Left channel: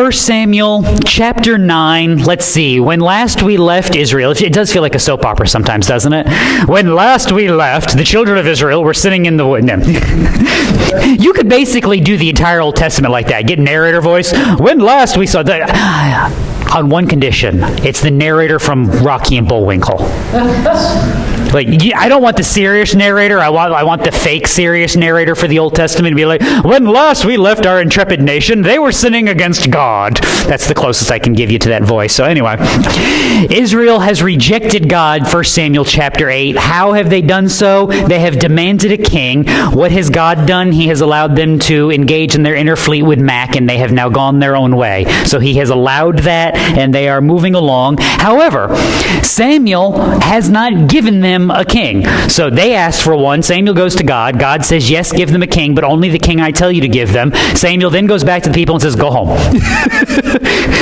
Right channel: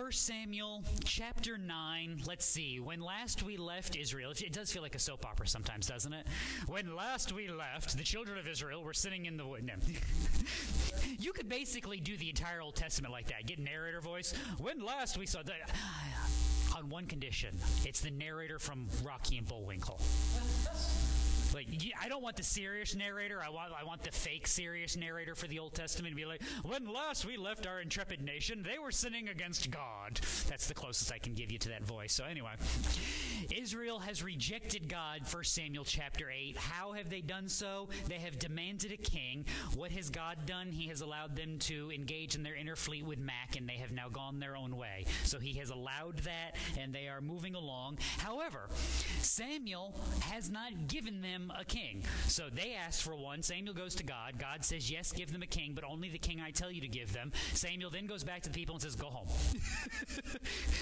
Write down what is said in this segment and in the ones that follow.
1 Samuel chapter 9. Let's see. When last we left Israel, it does feel like a soap opera sometimes, doesn't it? When last we left, the children of Israel were sitting in the wood. No. You could basically do the entire Old Testament like that. Get narrator voice. When last we saw that. On one condition. It's the narrator from Rocky and Bullwinkle. Like, I don't want the serious narrator. I want the fake serious narrator for the Old Testament to be like, when last we left our intrepid nation, they were sinning against God. That's the closest I can give you to that voice. So anyway, Israel has rejected God, 1 Samuel chapter 8. How have they done so? They have demanded a king. What has God done? He has allowed them to engage in their inner fleet with Mac, and they have now gone their own way. So he has allowed that, and they are moving along. However, Samuel has not given them a king. So they asked for one. Samuel goes to God. God says, yes, give them a king, but only the king I tell you to give them. Samuel then goes back to the people and says, go home.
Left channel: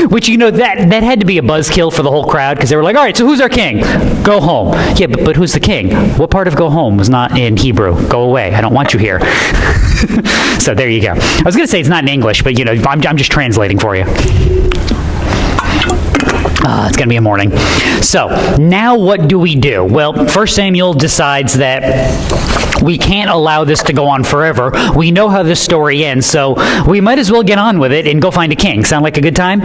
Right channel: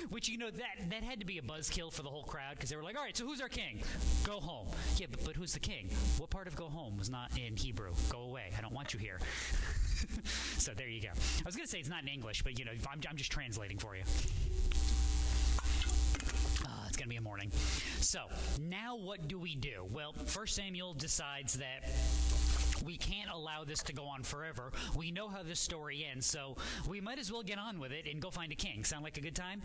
Which, that had to be a buzzkill for the whole crowd, because they were like, all right, so who's our king? Go home. Yeah, but who's the king? What part of go home was not in Hebrew? Go away. I don't want you here. So there you go. I was going to say it's not in English, but I'm just translating for you. It's going to be a morning. So, now what do we do? Well, 1 Samuel decides that we can't allow this to go on forever. We know how this story ends, so we might as well get on with it and go find a king. Sound like a good time?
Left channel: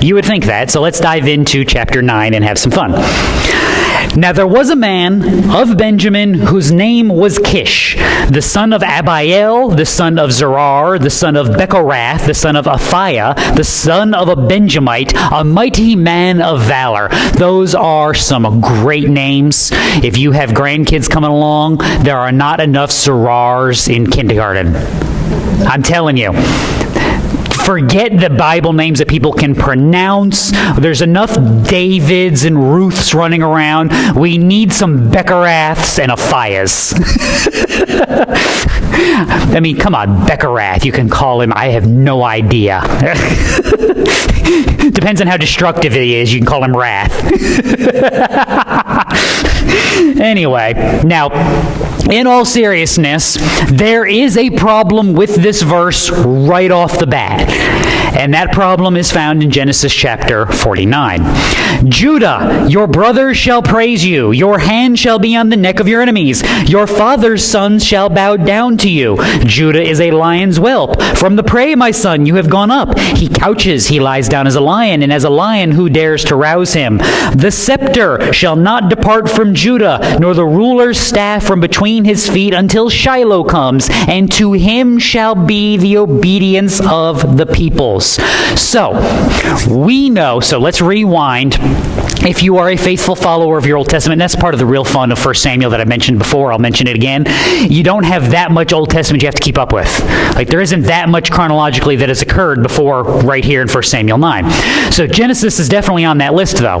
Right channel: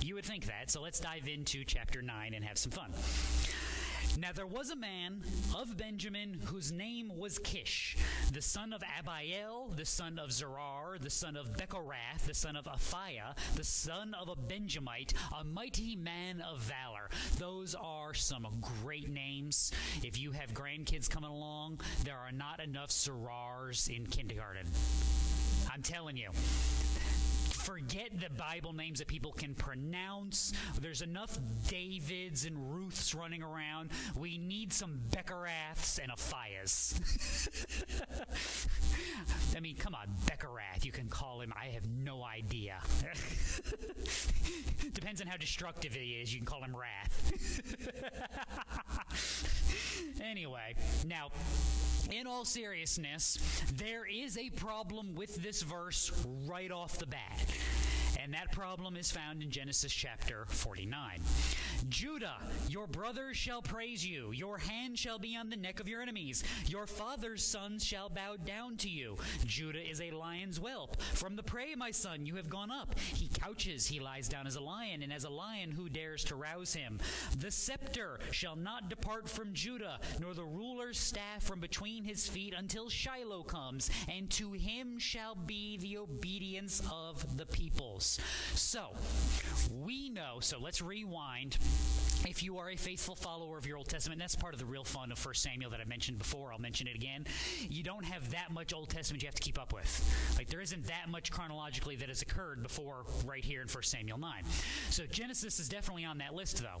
You would think that. So let's dive into chapter 9 and have some fun. Now there was a man of Benjamin whose name was Kish, the son of Abiel, the son of Zerar, the son of Bechorath, the son of Aphiah, the son of a Benjamite, a mighty man of valor. Those are some great names. If you have grandkids coming along, there are not enough Zerars in kindergarten. I'm telling you. Forget the Bible names that people can pronounce. There's enough Davids and Ruths running around. We need some Bechoraths and Aphiahs. I mean, come on, Bechorath. You can call him, I have no idea. Depends on how destructive he is. You can call him Wrath. Anyway, now, in all seriousness, there is a problem with this verse right off the bat. And that problem is found in Genesis chapter 49. Judah, your brothers shall praise you. Your hand shall be on the neck of your enemies. Your father's sons shall bow down to you. Judah is a lion's whelp. From the prey, my son, you have gone up. He couches, he lies down as a lion, and as a lion, who dares to rouse him? The scepter shall not depart from Judah, nor the ruler's staff from between his feet, until Shiloh comes, and to him shall be the obedience of the peoples. So, we know, so let's rewind. If you are a faithful follower of your Old Testament, that's part of the real fun of 1 Samuel that I mentioned before, I'll mention it again. You don't have that much Old Testament you have to keep up with. Like, there isn't that much chronologically that has occurred before right here in 1 Samuel 9. So Genesis is definitely on that list, though.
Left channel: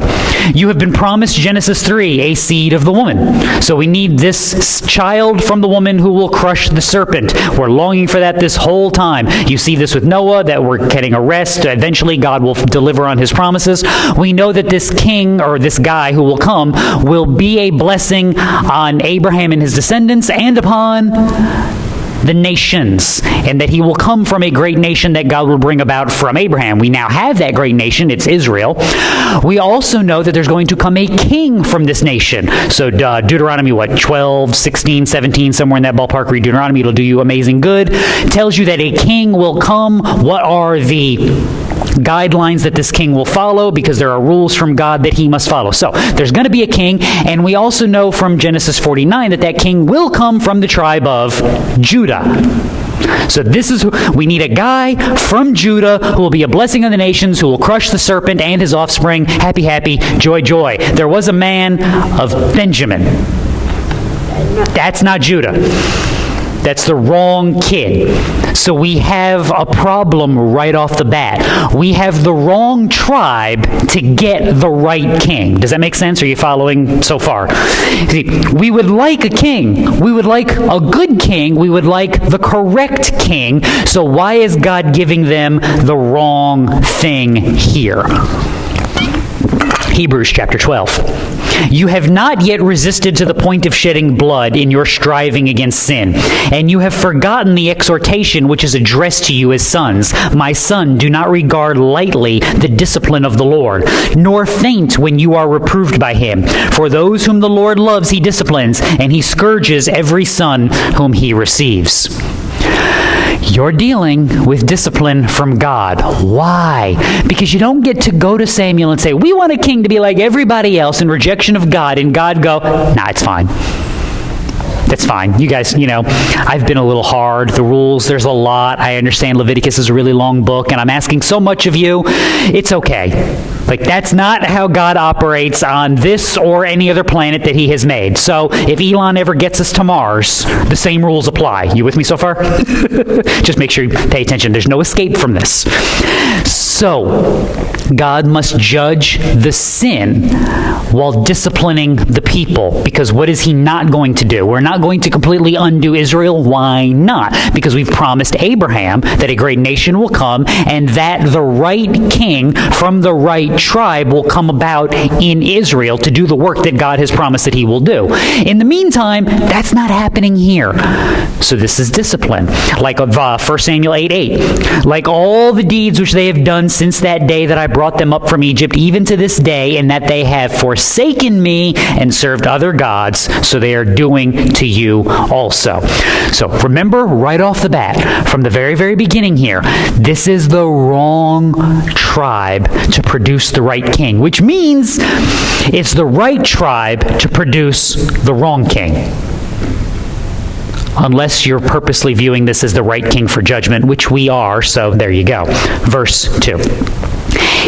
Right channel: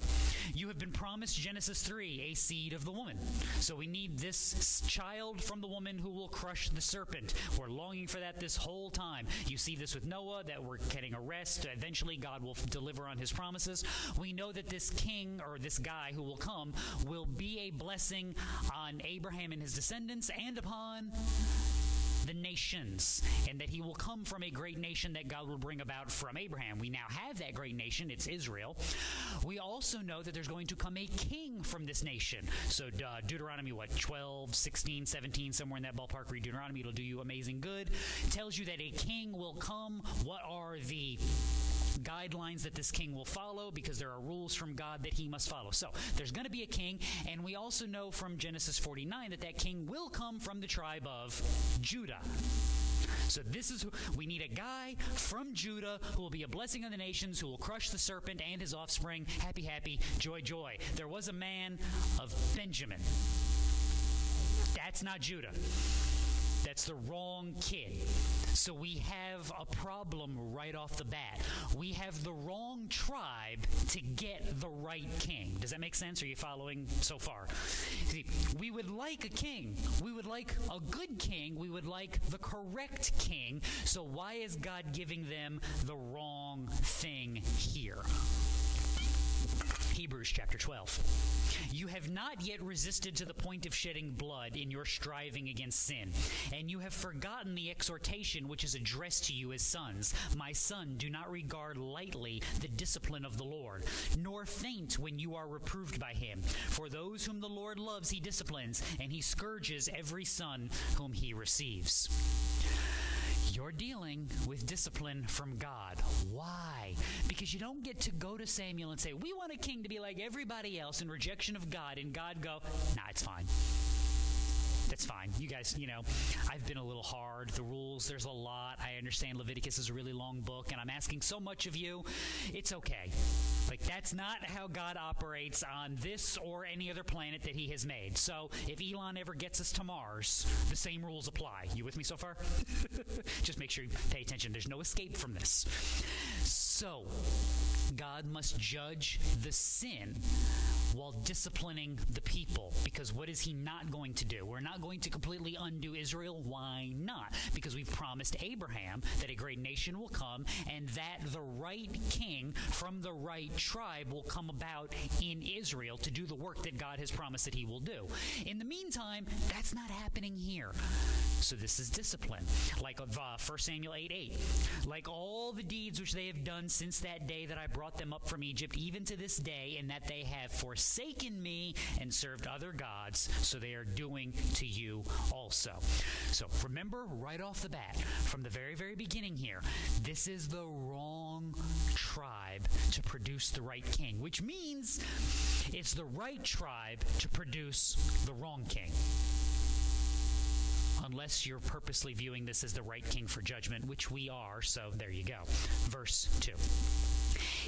You have been promised, Genesis 3, a seed of the woman. So we need this child from the woman who will crush the serpent. We're longing for that this whole time. You see this with Noah, that we're getting a rest. Eventually, God will deliver on his promises. We know that this king, or this guy who will come, will be a blessing on Abraham and his descendants and upon the nations, and that he will come from a great nation that God will bring about from Abraham. We now have that great nation. It's Israel. We also know that there's going to come a king from this nation. So Deuteronomy, 12, 16, 17, somewhere in that ballpark, read Deuteronomy. It'll do you amazing good. It tells you that a king will come. What are the guidelines that this king will follow, because there are rules from God that he must follow. So there's going to be a king, and we also know from Genesis 49 that that king will come from the tribe of Judah. So we need a guy from Judah who will be a blessing on the nations, who will crush the serpent and his offspring. Happy, happy, joy, joy. There was a man of Benjamin. That's not Judah. That's the wrong kid. So we have a problem right off the bat. We have the wrong tribe to get the right king. Does that make sense? Are you following so far? See, we would like a king. We would like a good king. We would like the correct king. So why is God giving them the wrong thing here? Hebrews chapter 12. You have not yet resisted to the point of shedding blood in your striving against sin, and you have forgotten the exhortation which is addressed to you as sons. My son, do not regard lightly the discipline of the Lord, nor faint when you are reproved by him. For those whom the Lord loves he disciplines, and he scourges every son whom he receives. You're dealing with discipline from God. Why? Because you don't get to go to Samuel and say, we want a king to be like everybody else in rejection of God, and God go, nah, it's fine. That's fine. You guys, I've been a little hard. The rules, there's a lot. I understand Leviticus is a really long book, and I'm asking so much of you. It's okay. Like, that's not how God operates on this or any other planet that he has made. So if Elon ever gets us to Mars, the same rules apply. You with me so far? Just make sure you pay attention. There's no escape from this. So God must judge the sin while disciplining the people, because what is he not going to do? We're not going to completely undo Israel. Why not? Because we've promised Abraham that a great nation will come, and that the right king from the right tribe will come about in Israel to do the work that God has promised that he will do. In the meantime, that's not happening here. So this is discipline. Like 1 Samuel 8:8. Like all the deeds which they have done since that day that I brought them up from Egypt, even to this day, and that they have forsaken me and served other gods, so they are doing to you also. So remember right off the bat, from the very, very beginning here, this is the wrong tribe to produce the right king, which means it's the right tribe to produce the wrong king. Unless you're purposely viewing this as the right king for judgment, which we are, so there you go. Verse 2.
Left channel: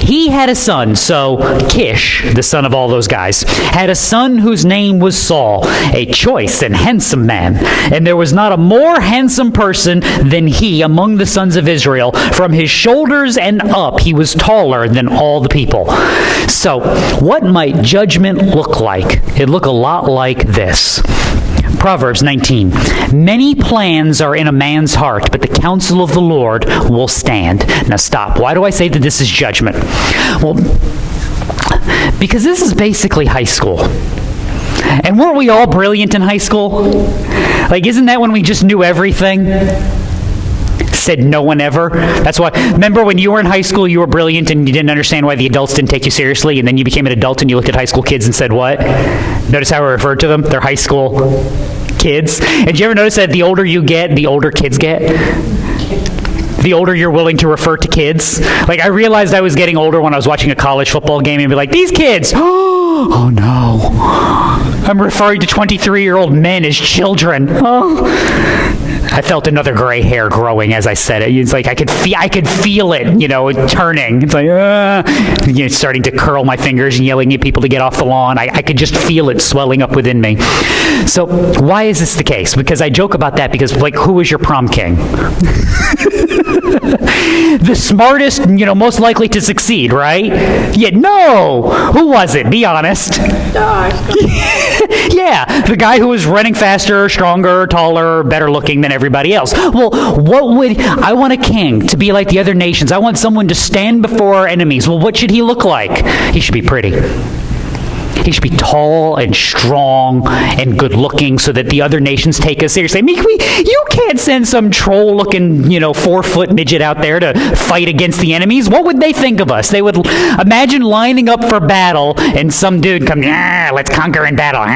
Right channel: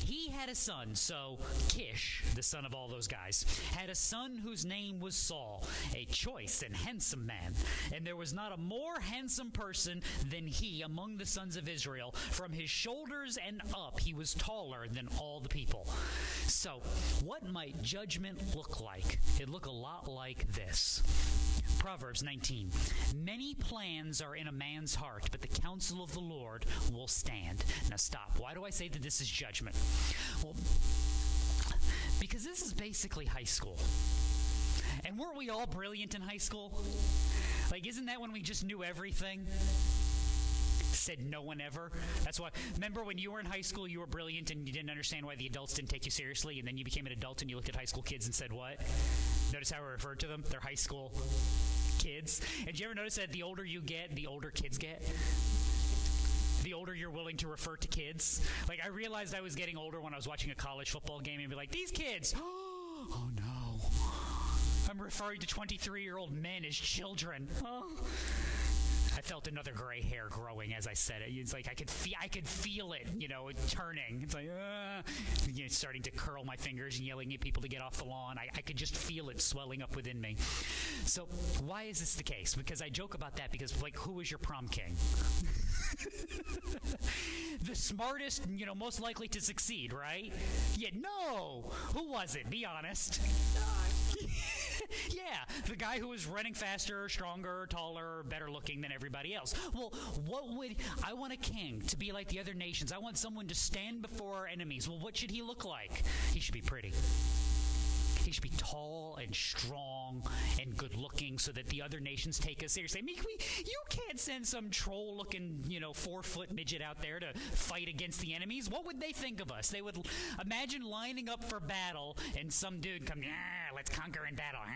He had a son, so Kish, the son of all those guys, had a son whose name was Saul, a choice and handsome man. And there was not a more handsome person than he among the sons of Israel. From his shoulders and up, he was taller than all the people. So, what might judgment look like? It'd look a lot like this. Proverbs 19. Many plans are in a man's heart, but the counsel of the Lord will stand. Now stop. Why do I say that this is judgment? Well, because this is basically high school. And weren't we all brilliant in high school? Like, isn't that when we just knew everything? Said no one ever. That's why, remember when you were in high school, you were brilliant and you didn't understand why the adults didn't take you seriously, and then you became an adult and you looked at high school kids and said what? Notice how I referred to them? They're high school kids. And did you ever notice that the older you get, the older kids get? The older you're willing to refer to kids. Like, I realized I was getting older when I was watching a college football game and be like, these kids, oh no. I'm referring to 23-year-old men as children. Oh. I felt another gray hair growing as I said it. It's like I could feel it, turning. It's like, starting to curl my fingers and yelling at people to get off the lawn. I could just feel it swelling up within me. So why is this the case? Because I joke about that because, who was your prom king? The smartest, most likely to succeed, right? Yeah, no. Who was it? Be honest. Yeah, the guy who was running faster, stronger, taller, better looking than everybody else. Well, I want a king to be like the other nations. I want someone to stand before our enemies. Well, what should he look like? He should be pretty. He should be tall and strong and good-looking so that the other nations take us seriously. I mean, you can't send some troll-looking, 4-foot midget out there to fight against the enemies. What would they think of us? They would imagine lining up for battle and some dude comes, let's conquer in battle.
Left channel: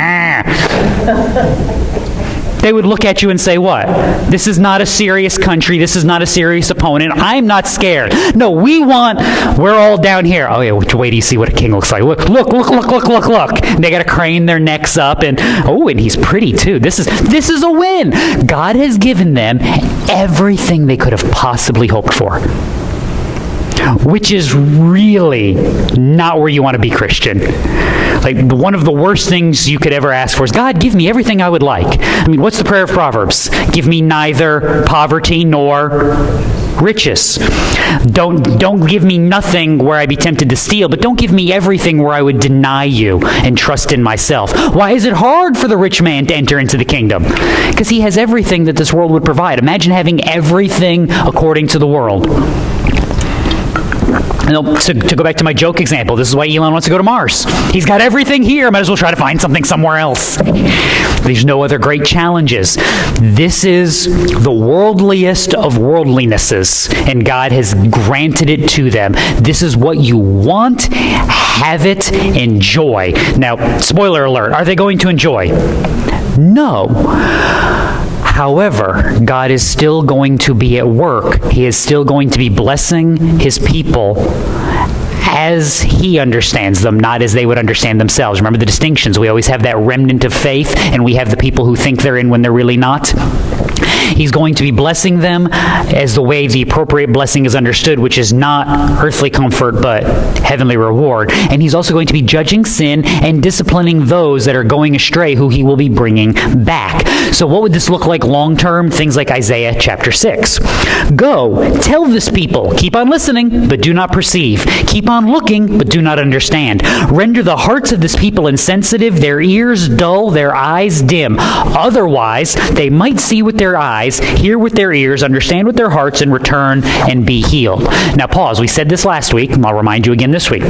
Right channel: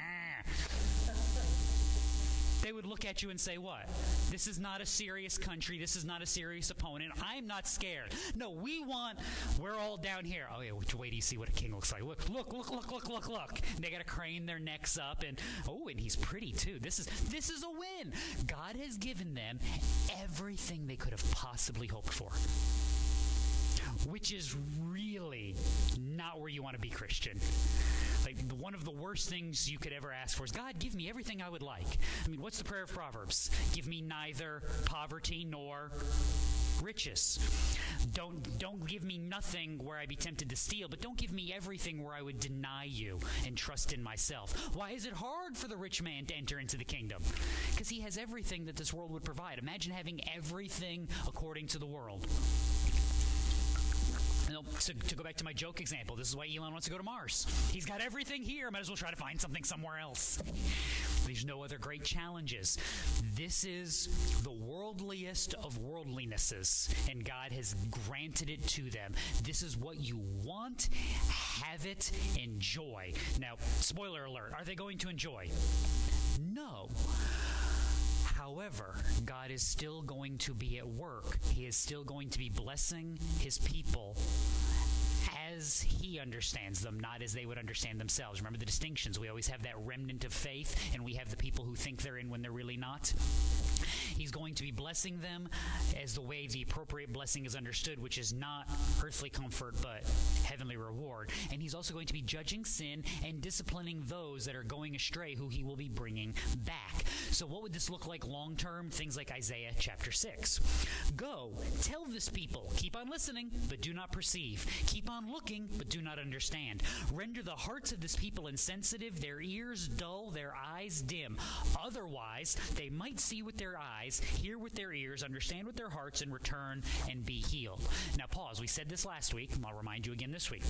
They would look at you and say, what? This is not a serious country. This is not a serious opponent. I'm not scared. No, we're all down here. Oh, yeah, wait till you see what a king looks like. Look. They got to crane their necks up, and he's pretty, too. This is a win. God has given them everything they could have possibly hoped for, which is really not where you want to be Christian. Like, one of the worst things you could ever ask for is, God, give me everything I would like. I mean, what's the prayer of Proverbs? Give me neither poverty nor riches. Don't give me nothing where I be tempted to steal, but don't give me everything where I would deny you and trust in myself. Why is it hard for the rich man to enter into the kingdom? Because he has everything that this world would provide. Imagine having everything according to the world. To go back to my joke example, this is why Elon wants to go to Mars. He's got everything here. Might as well try to find something somewhere else. There's no other great challenges. This is the worldliest of worldlinesses, and God has granted it to them. This is what you want. Have it. Enjoy. Now, spoiler alert, are they going to enjoy? No. However, God is still going to be at work. He is still going to be blessing his people as he understands them, not as they would understand themselves. Remember the distinctions. We always have that remnant of faith, and we have the people who think they're in when they're really not. He's going to be blessing them as the way the appropriate blessing is understood, which is not earthly comfort, but heavenly reward. And he's also going to be judging sin and disciplining those that are going astray, who he will be bringing back. So what would this look like long term? Things like Isaiah chapter 6. Go, tell this people, keep on listening, but do not perceive. Keep on looking, but do not understand. Render the hearts of this people insensitive, their ears dull, their eyes dim. Otherwise, they might see with their eyes, hear with their ears, understand with their hearts, and return and be healed. Now pause. We said this last week, and I'll remind you again this week.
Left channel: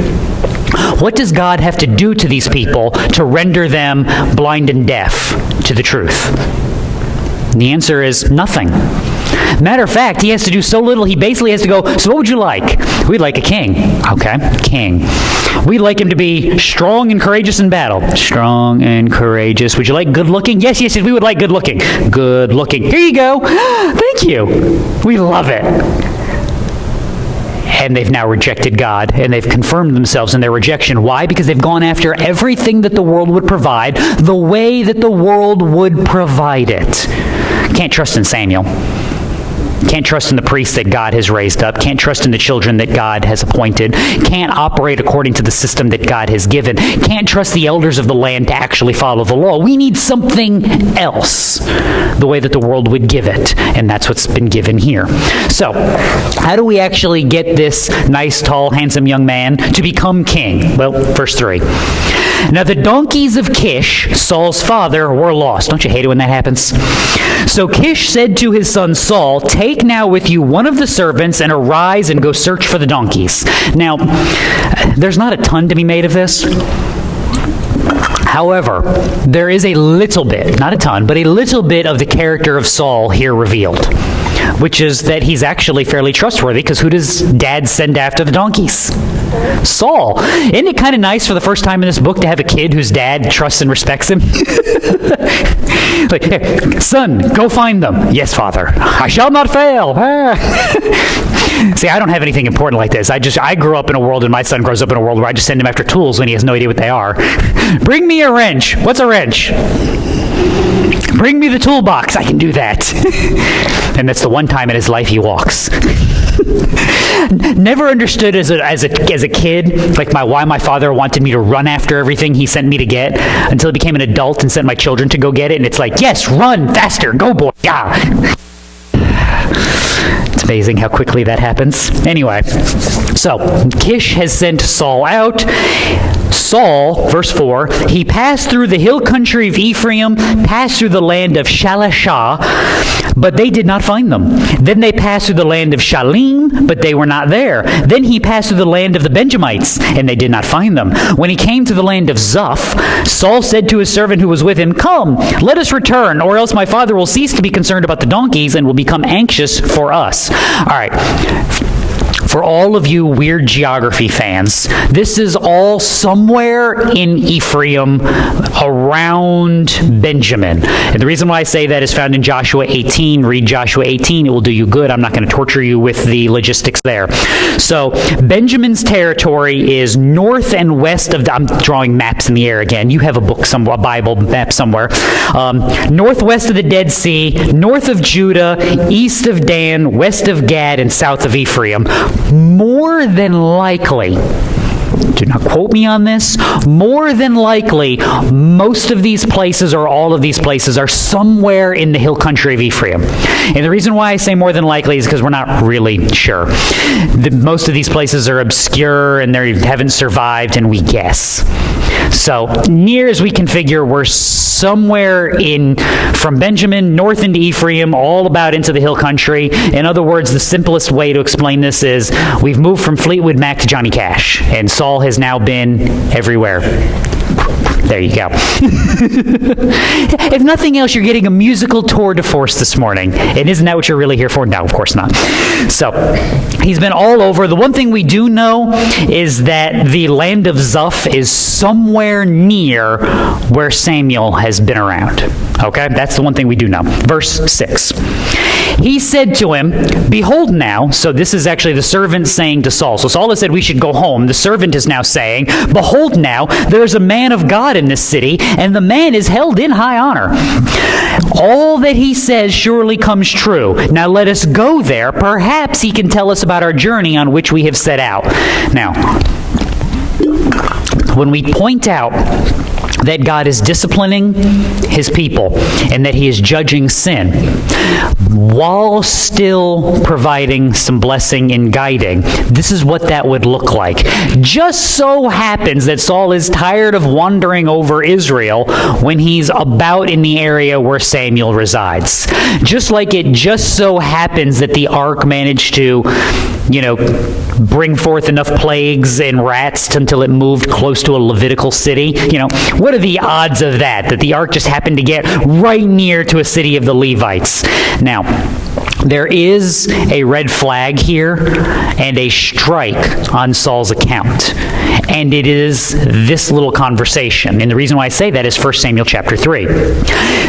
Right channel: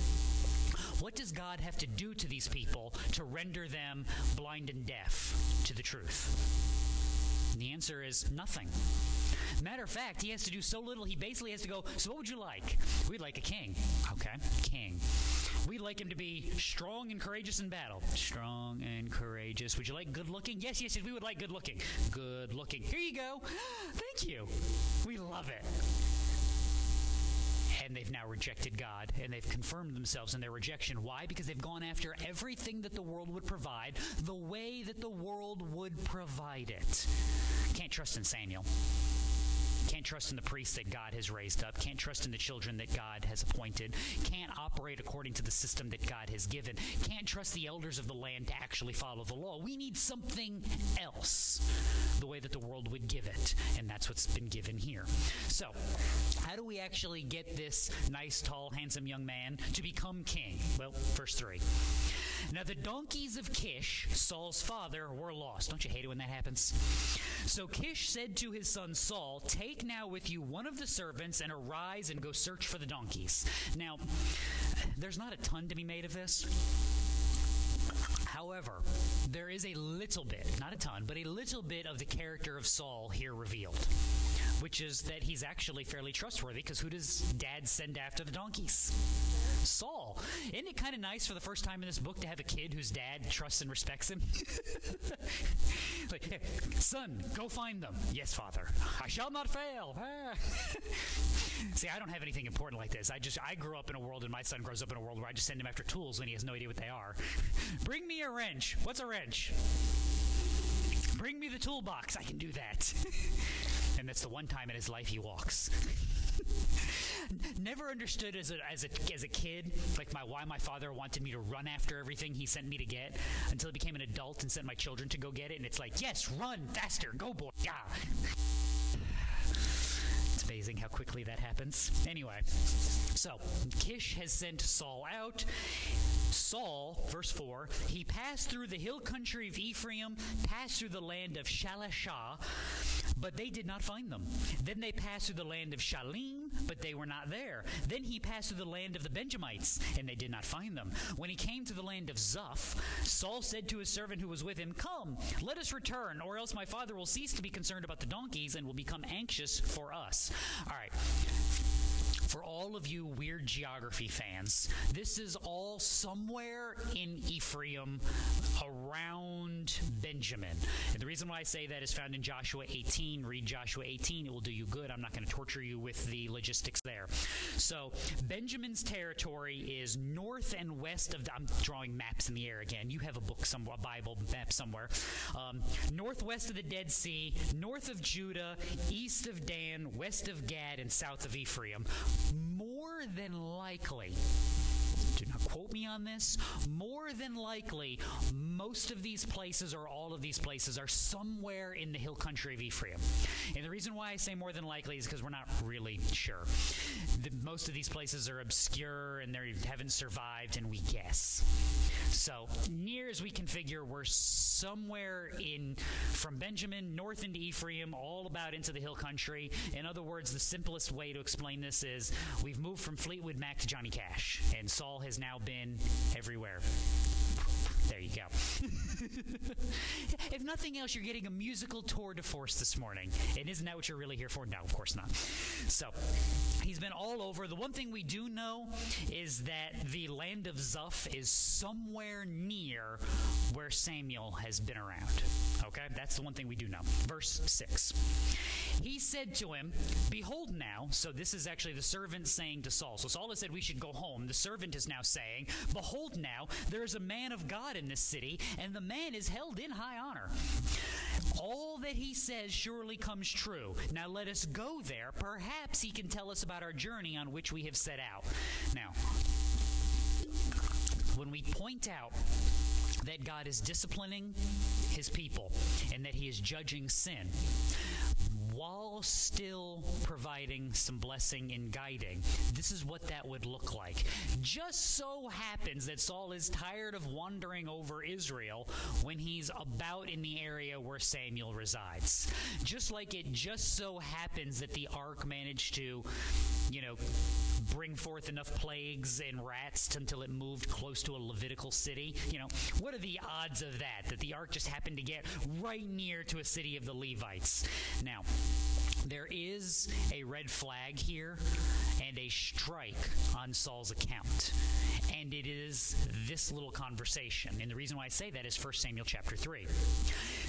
What does God have to do to these people to render them blind and deaf to the truth? And the answer is nothing. Matter of fact, he has to do so little, he basically has to go, so what would you like? We'd like a king. Okay, king. We'd like him to be strong and courageous in battle. Strong and courageous. Would you like good looking? Yes, we would like good looking. Good looking. Here you go. Thank you. We love it. And they've now rejected God, and they've confirmed themselves in their rejection. Why? Because they've gone after everything that the world would provide, the way that the world would provide it. Can't trust in Samuel. Can't trust in the priests that God has raised up. Can't trust in the children that God has appointed. Can't operate according to the system that God has given. Can't trust the elders of the land to actually follow the law. We need something else, the way that the world would give it. And that's what's been given here. So, how do we actually get this nice, tall, handsome young man to become king? Well, verse 3. Now the donkeys of Kish, Saul's father, were lost. Don't you hate it when that happens? So Kish said to his son Saul, take now with you one of the servants and arise and go search for the donkeys. Now, there's not a ton to be made of this. However, there is a little bit, not a ton, but a little bit of the character of Saul here revealed, which is that he's actually fairly trustworthy, because who does dad send after the donkeys? Saul. Isn't it kind of nice for the first time in this book to have a kid whose dad trusts and respects him? Like, hey, son, go find them. Yes, father. I shall not fail. See, I don't have anything important like this. I grew up in a world, and my son grows up in a world where I just send him after tools when he has no idea what they are. Bring me a wrench. What's a wrench? Bring me the toolbox. I can do that. And that's the one time in his life he walks. Never understood as a kid, like why my father wanted me to run after everything he sent me to get, until I became an adult and sent my children to go get it. And it's like, yes, run faster, go boy, yeah. It's amazing how quickly that happens. Anyway, so Kish has sent Saul out. Saul, verse 4, he passed through the hill country of Ephraim, passed through the land of Shalashah, but they did not find them. Then they passed through the land of Shalim, but they were not there. Then he passed through the land of the Benjamites, and they did not find them. When he came to the land of Zuph, Saul said to his servant who was with him, come, let us return, or else my father will cease to be concerned about the donkeys and will become anxious for us. All right. For all of you weird geography fans, this is all somewhere in Ephraim around Benjamin. And the reason why I say that is found in Joshua 18. Read Joshua 18. It will do you good. I'm not going to torture you with the logistics there. So Benjamin's territory is north and west of I'm drawing maps in the air again. You have a book, a Bible map somewhere. Northwest of the Dead Sea, north of Judah, east of Dan, west of Gad, and south of Ephraim. More than likely, do not quote me on this, more than likely, most of these places or all of these places are somewhere in the hill country of Ephraim. And the reason why I say more than likely is because we're not really sure. Most of these places are obscure and they haven't survived, and we guess. So near as we can figure, we're somewhere from Benjamin north into Ephraim, all about into the hill country. In other words, the simplest way to explain this is we've moved from Fleetwood Mac to Johnny Cash, and Saul has now been everywhere. There you go. If nothing else, you're getting a musical tour de force this morning. And isn't that what you're really here for? No, of course not. So, he's been all over. The one thing we do know is that the land of Zuph is somewhere near where Samuel has been around. Okay? That's the one thing we do know. Verse 6. He said to him, behold now, so this is actually the servant saying to Saul. So Saul has said we should go home. The servant is now saying, behold now, there's a man of God in this city, and the man is held in high honor. All that he says surely comes true. Now let us go there. Perhaps he can tell us about our journey on which we have set out. Now, when we point out that God is disciplining his people and that he is judging sin, while still providing some blessing and guiding, this is what that would look like. Just so happens that Saul is tired of wandering over Israel when he's about in the area where Samuel resides. Just like it just so happens that the ark managed to, bring forth enough plagues and rats until it moved close to a Levitical city. What are the odds of that the ark just happened to get right near to a city of the Levites? Now, there is a red flag here and a strike on Saul's account. And it is this little conversation. And the reason why I say that is 1 Samuel chapter 3.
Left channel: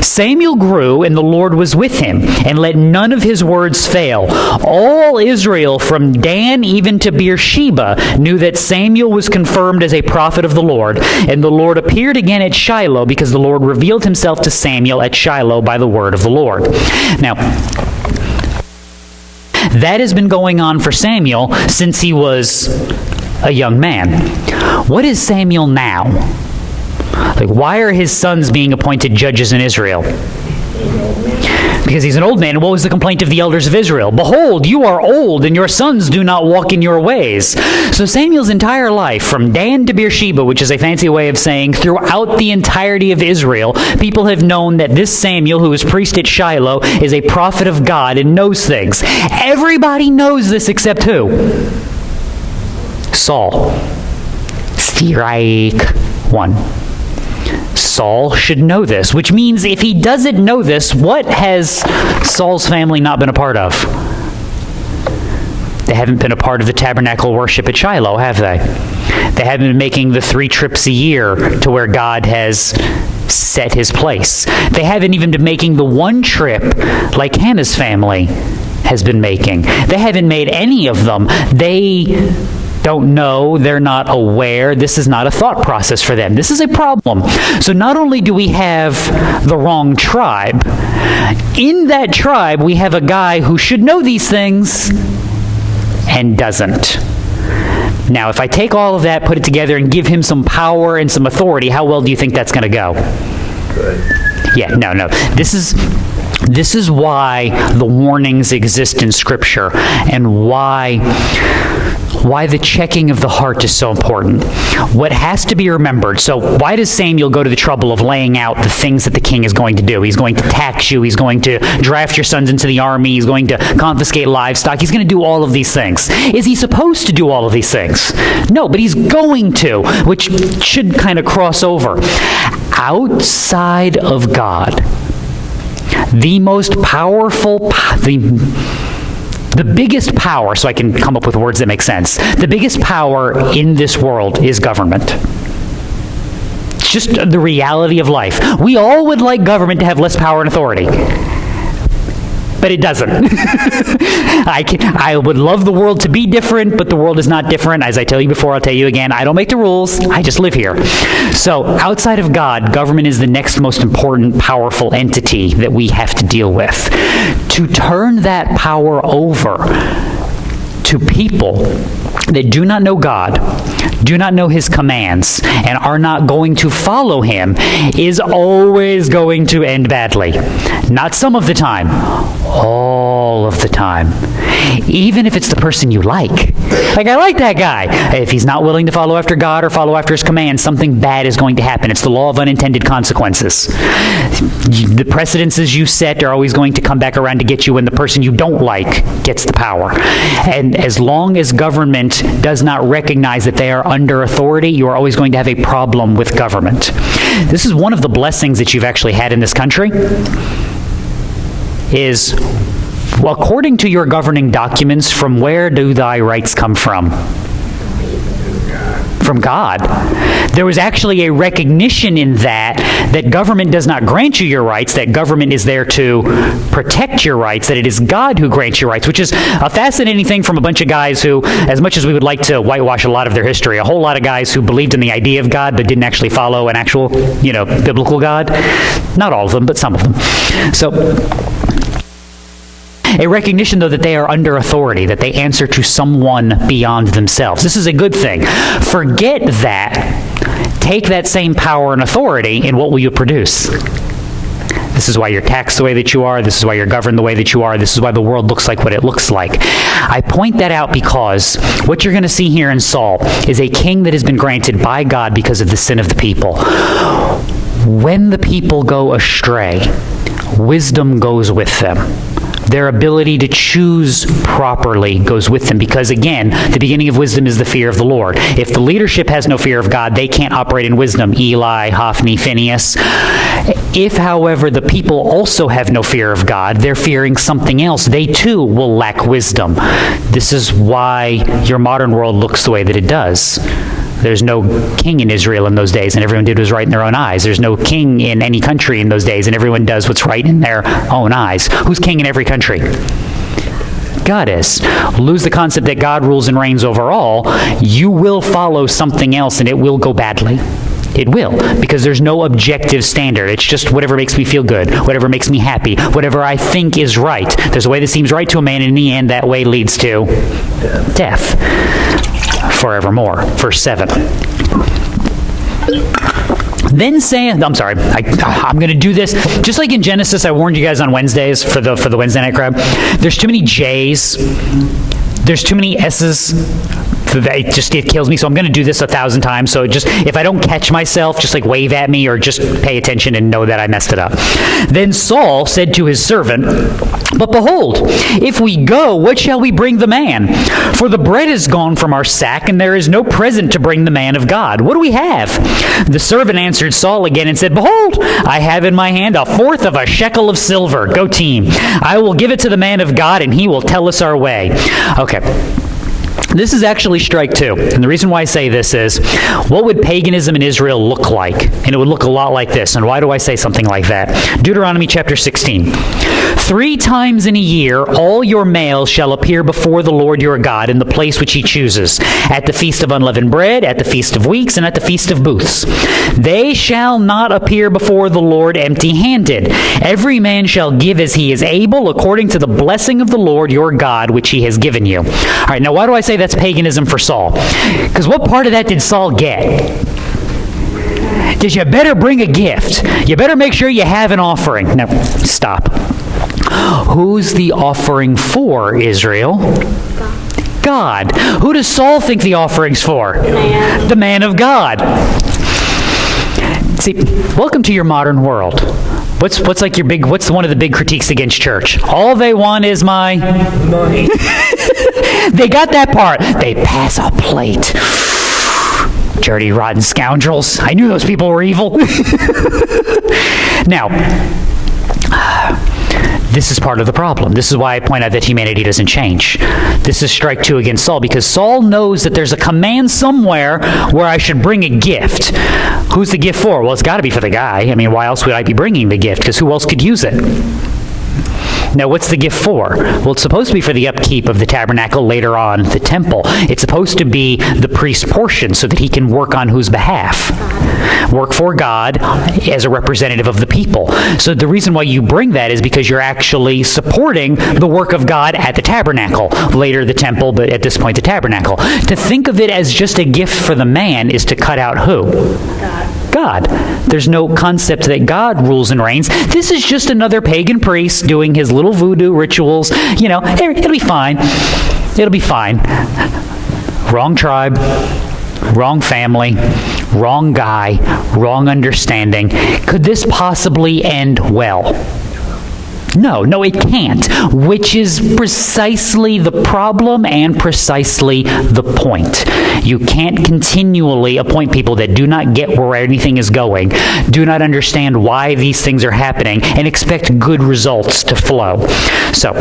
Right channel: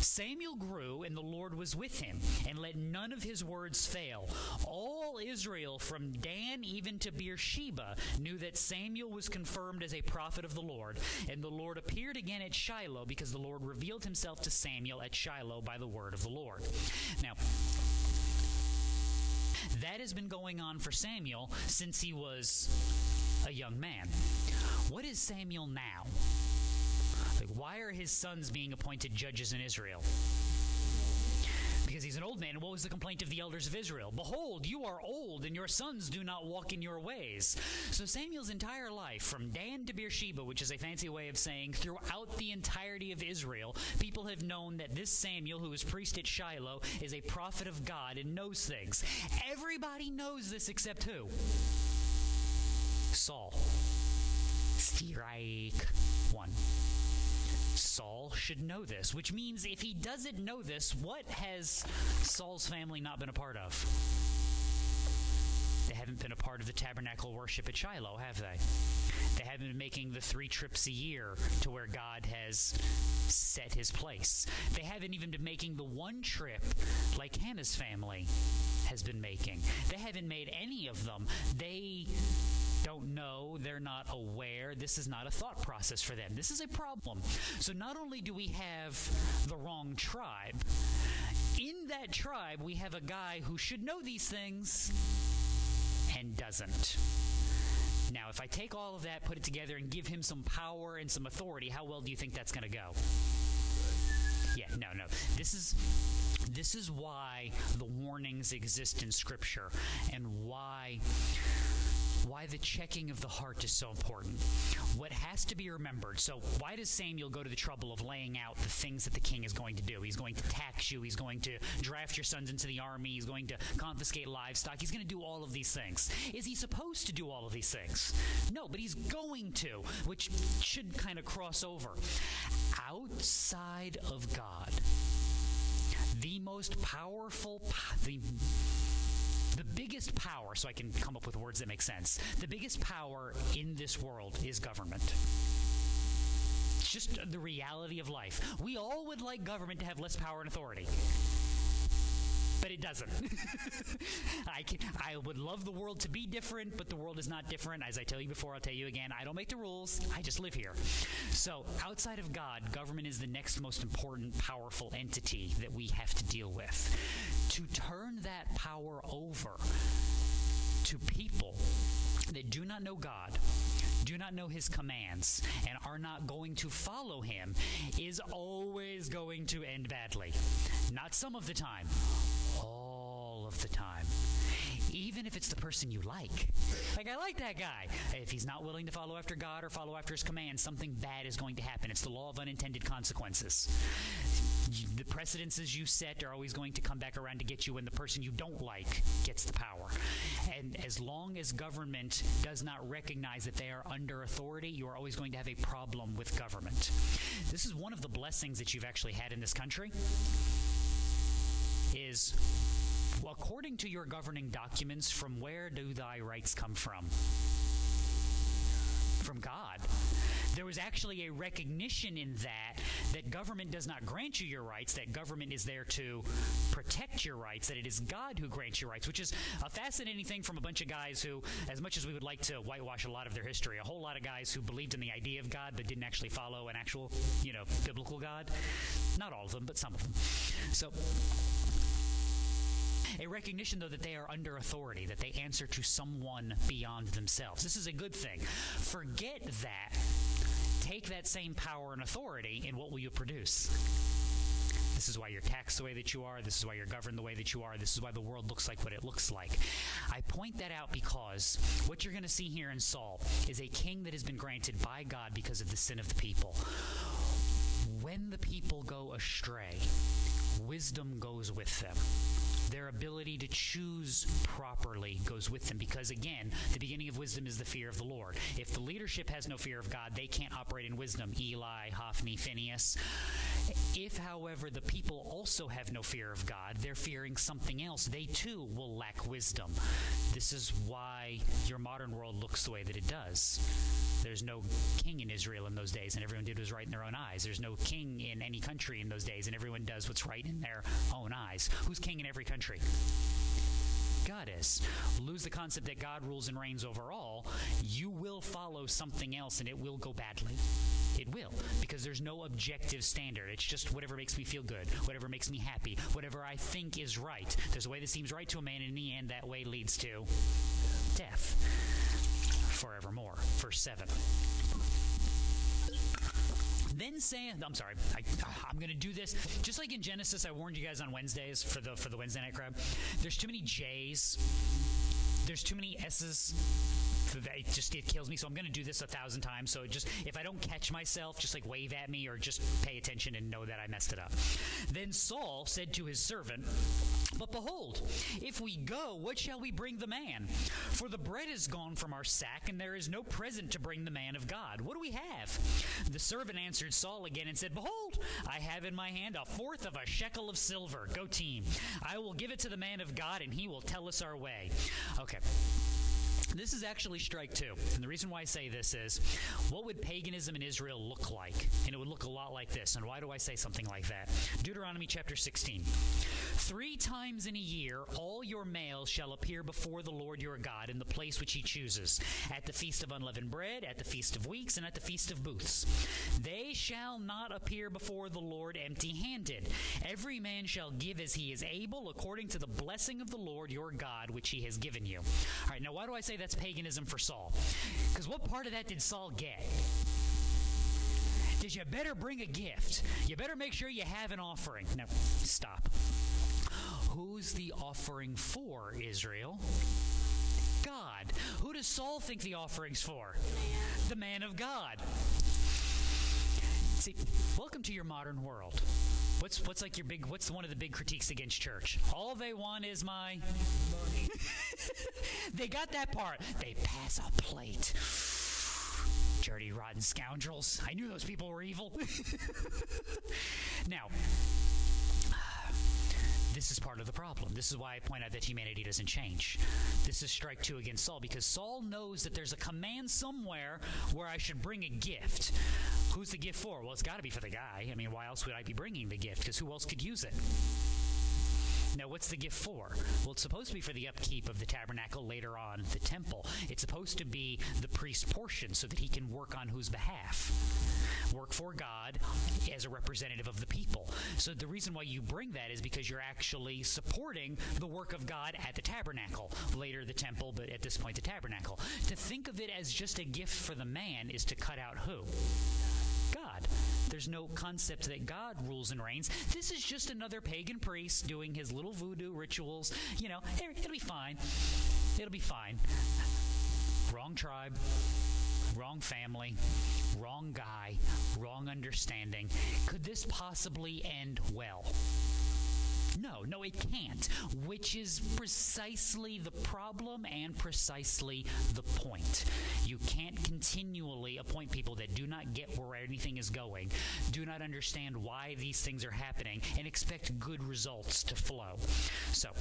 Samuel grew, and the Lord was with him, and let none of his words fail. All Israel, from Dan even to Beersheba, knew that Samuel was confirmed as a prophet of the Lord. And the Lord appeared again at Shiloh, because the Lord revealed himself to Samuel at Shiloh by the word of the Lord. Now, that has been going on for Samuel since he was a young man. What is Samuel now? Why are his sons being appointed judges in Israel? Because he's an old man. And what was the complaint of the elders of Israel? Behold, you are old, and your sons do not walk in your ways. So Samuel's entire life, from Dan to Beersheba, which is a fancy way of saying throughout the entirety of Israel, people have known that this Samuel, who is priest at Shiloh, is a prophet of God and knows things. Everybody knows this except who? Saul. Strike one. Saul should know this, which means if he doesn't know this, what has Saul's family not been a part of? They haven't been a part of the tabernacle worship at Shiloh, have they? They haven't been making the 3 trips a year to where God has set his place. They haven't even been making the 1 trip like Hannah's family has been making. They haven't made any of them. They don't know, they're not aware. This is not a thought process for them. This is a problem. So not only do we have the wrong tribe, in that tribe we have a guy who should know these things and doesn't. Now, if I take all of that, put it together, and give him some power and some authority, how well do you think that's going to go? Good. Yeah, no. This is why the warnings exist in Scripture, and why the checking of the heart is so important. What has to be remembered, so why does Samuel go to the trouble of laying out the things that the king is going to do? He's going to tax you, he's going to draft your sons into the army, he's going to confiscate livestock, he's going to do all of these things. Is he supposed to do all of these things? No, but he's going to, which should kind of cross over. Outside of God, the most powerful, the biggest power, so I can come up with words that make sense, the biggest power in this world is government. It's just the reality of life. We all would like government to have less power and authority, but it doesn't. I would love the world to be different, but the world is not different. As I tell you before, I'll tell you again, I don't make the rules, I just live here. So outside of God, government is the next most important, powerful entity that we have to deal with. To turn that power over to people that do not know God, do not know his commands, and are not going to follow him is always going to end badly. Not some of the time, all of the time. Even if it's the person you like. Like, I like that guy. If he's not willing to follow after God or follow after his commands, something bad is going to happen. It's the law of unintended consequences. The precedences you set are always going to come back around to get you when the person you don't like gets the power. And as long as government does not recognize that they are under authority, you are always going to have a problem with government. This is one of the blessings that you've actually had in this country, is, well, according to your governing documents, from where do thy rights come from? From God. There was actually a recognition in that government does not grant you your rights, that government is there to protect your rights, that it is God who grants your rights, which is a fascinating thing from a bunch of guys who, as much as we would like to whitewash a lot of their history, a whole lot of guys who believed in the idea of God but didn't actually follow an actual, biblical God. Not all of them, but some of them. So, a recognition, though, that they are under authority, that they answer to someone beyond themselves. This is a good thing. Forget that. Take that same power and authority, and what will you produce? This is why you're taxed the way that you are. This is why you're governed the way that you are. This is why the world looks like what it looks like. I point that out because what you're going to see here in Saul is a king that has been granted by God because of the sin of the people. When the people go astray, wisdom goes with them. Their ability to choose properly goes with them because, again, the beginning of wisdom is the fear of the Lord. If the leadership has no fear of God, they can't operate in wisdom. Eli, Hophni, Phinehas. If, however, the people also have no fear of God, they're fearing something else, they too will lack wisdom. This is why your modern world looks the way that it does. There's no king in Israel in those days, and everyone did what was right in their own eyes. There's no king in any country in those days, and everyone does what's right in their own eyes. Who's king in every country? God is. Lose the concept that God rules and reigns over all, you will follow something else, and it will go badly. It will, because there's no objective standard. It's just whatever makes me feel good, whatever makes me happy, whatever I think is right. There's a way that seems right to a man, and in the end, that way leads to death. Forevermore. Verse 7. Then saying, I'm sorry, I'm going to do this. Just like in Genesis, I warned you guys on Wednesdays for the Wednesday night crowd. There's too many J's. There's too many S's. It kills me, so I'm going to do this 1,000 times. So just, if I don't catch myself, just like wave at me or just pay attention and know that I messed it up. Then Saul said to his servant, "But behold, if we go, what shall we bring the man? For the bread is gone from our sack, and there is no present to bring the man of God. What do we have?" The servant answered Saul again and said, "Behold, I have in my hand 1/4 of a shekel of silver. Go team. I will give it to the man of God, and he will tell us our way." Okay. This is actually strike two. And the reason why I say this is, what would paganism in Israel look like? And it would look a lot like this. And why do I say something like that? Deuteronomy chapter 16. 3 times in a year, all your males shall appear before the Lord your God in the place which he chooses, at the feast of unleavened bread, at the feast of weeks, and at the feast of booths. They shall not appear before the Lord empty-handed. Every man shall give as he is able, according to the blessing of the Lord your God, which he has given you. All right, now why do I say that's paganism for Saul? Because what part of that did Saul get? Because you better bring a gift. You better make sure you have an offering. Now, stop. Who's the offering for, Israel? God. Who does Saul think the offering's for? The man of God. See, welcome to your modern world. What's one of the big critiques against church? All they want is my money. They got that part. They pass a plate. Dirty, rotten scoundrels. I knew those people were evil. Now, this is part of the problem. This is why I point out that humanity doesn't change. This is strike two against Saul, because Saul knows that there's a command somewhere where I should bring a gift. Who's the gift for? Well, it's got to be for the guy. I mean, why else would I be bringing the gift? Because who else could use it? Now, what's the gift for? Well, it's supposed to be for the upkeep of the tabernacle, later on the temple. It's supposed to be the priest's portion so that he can work on whose behalf? work for God as a representative of the people. So the reason why you bring that is because you're actually supporting the work of God at the tabernacle. Later the temple, but at this point the tabernacle. To think of it as just a gift for the man is to cut out who? God. There's no concept that God rules and reigns. This is just another pagan priest doing his little voodoo rituals. You know, it'll be fine. It'll be fine. Wrong tribe, wrong family, wrong guy, wrong understanding. Could this possibly end well? No, it can't, which is precisely the problem and precisely the point. You can't continually appoint people that do not get where anything is going, do not understand why these things are happening, and expect good results to flow. So,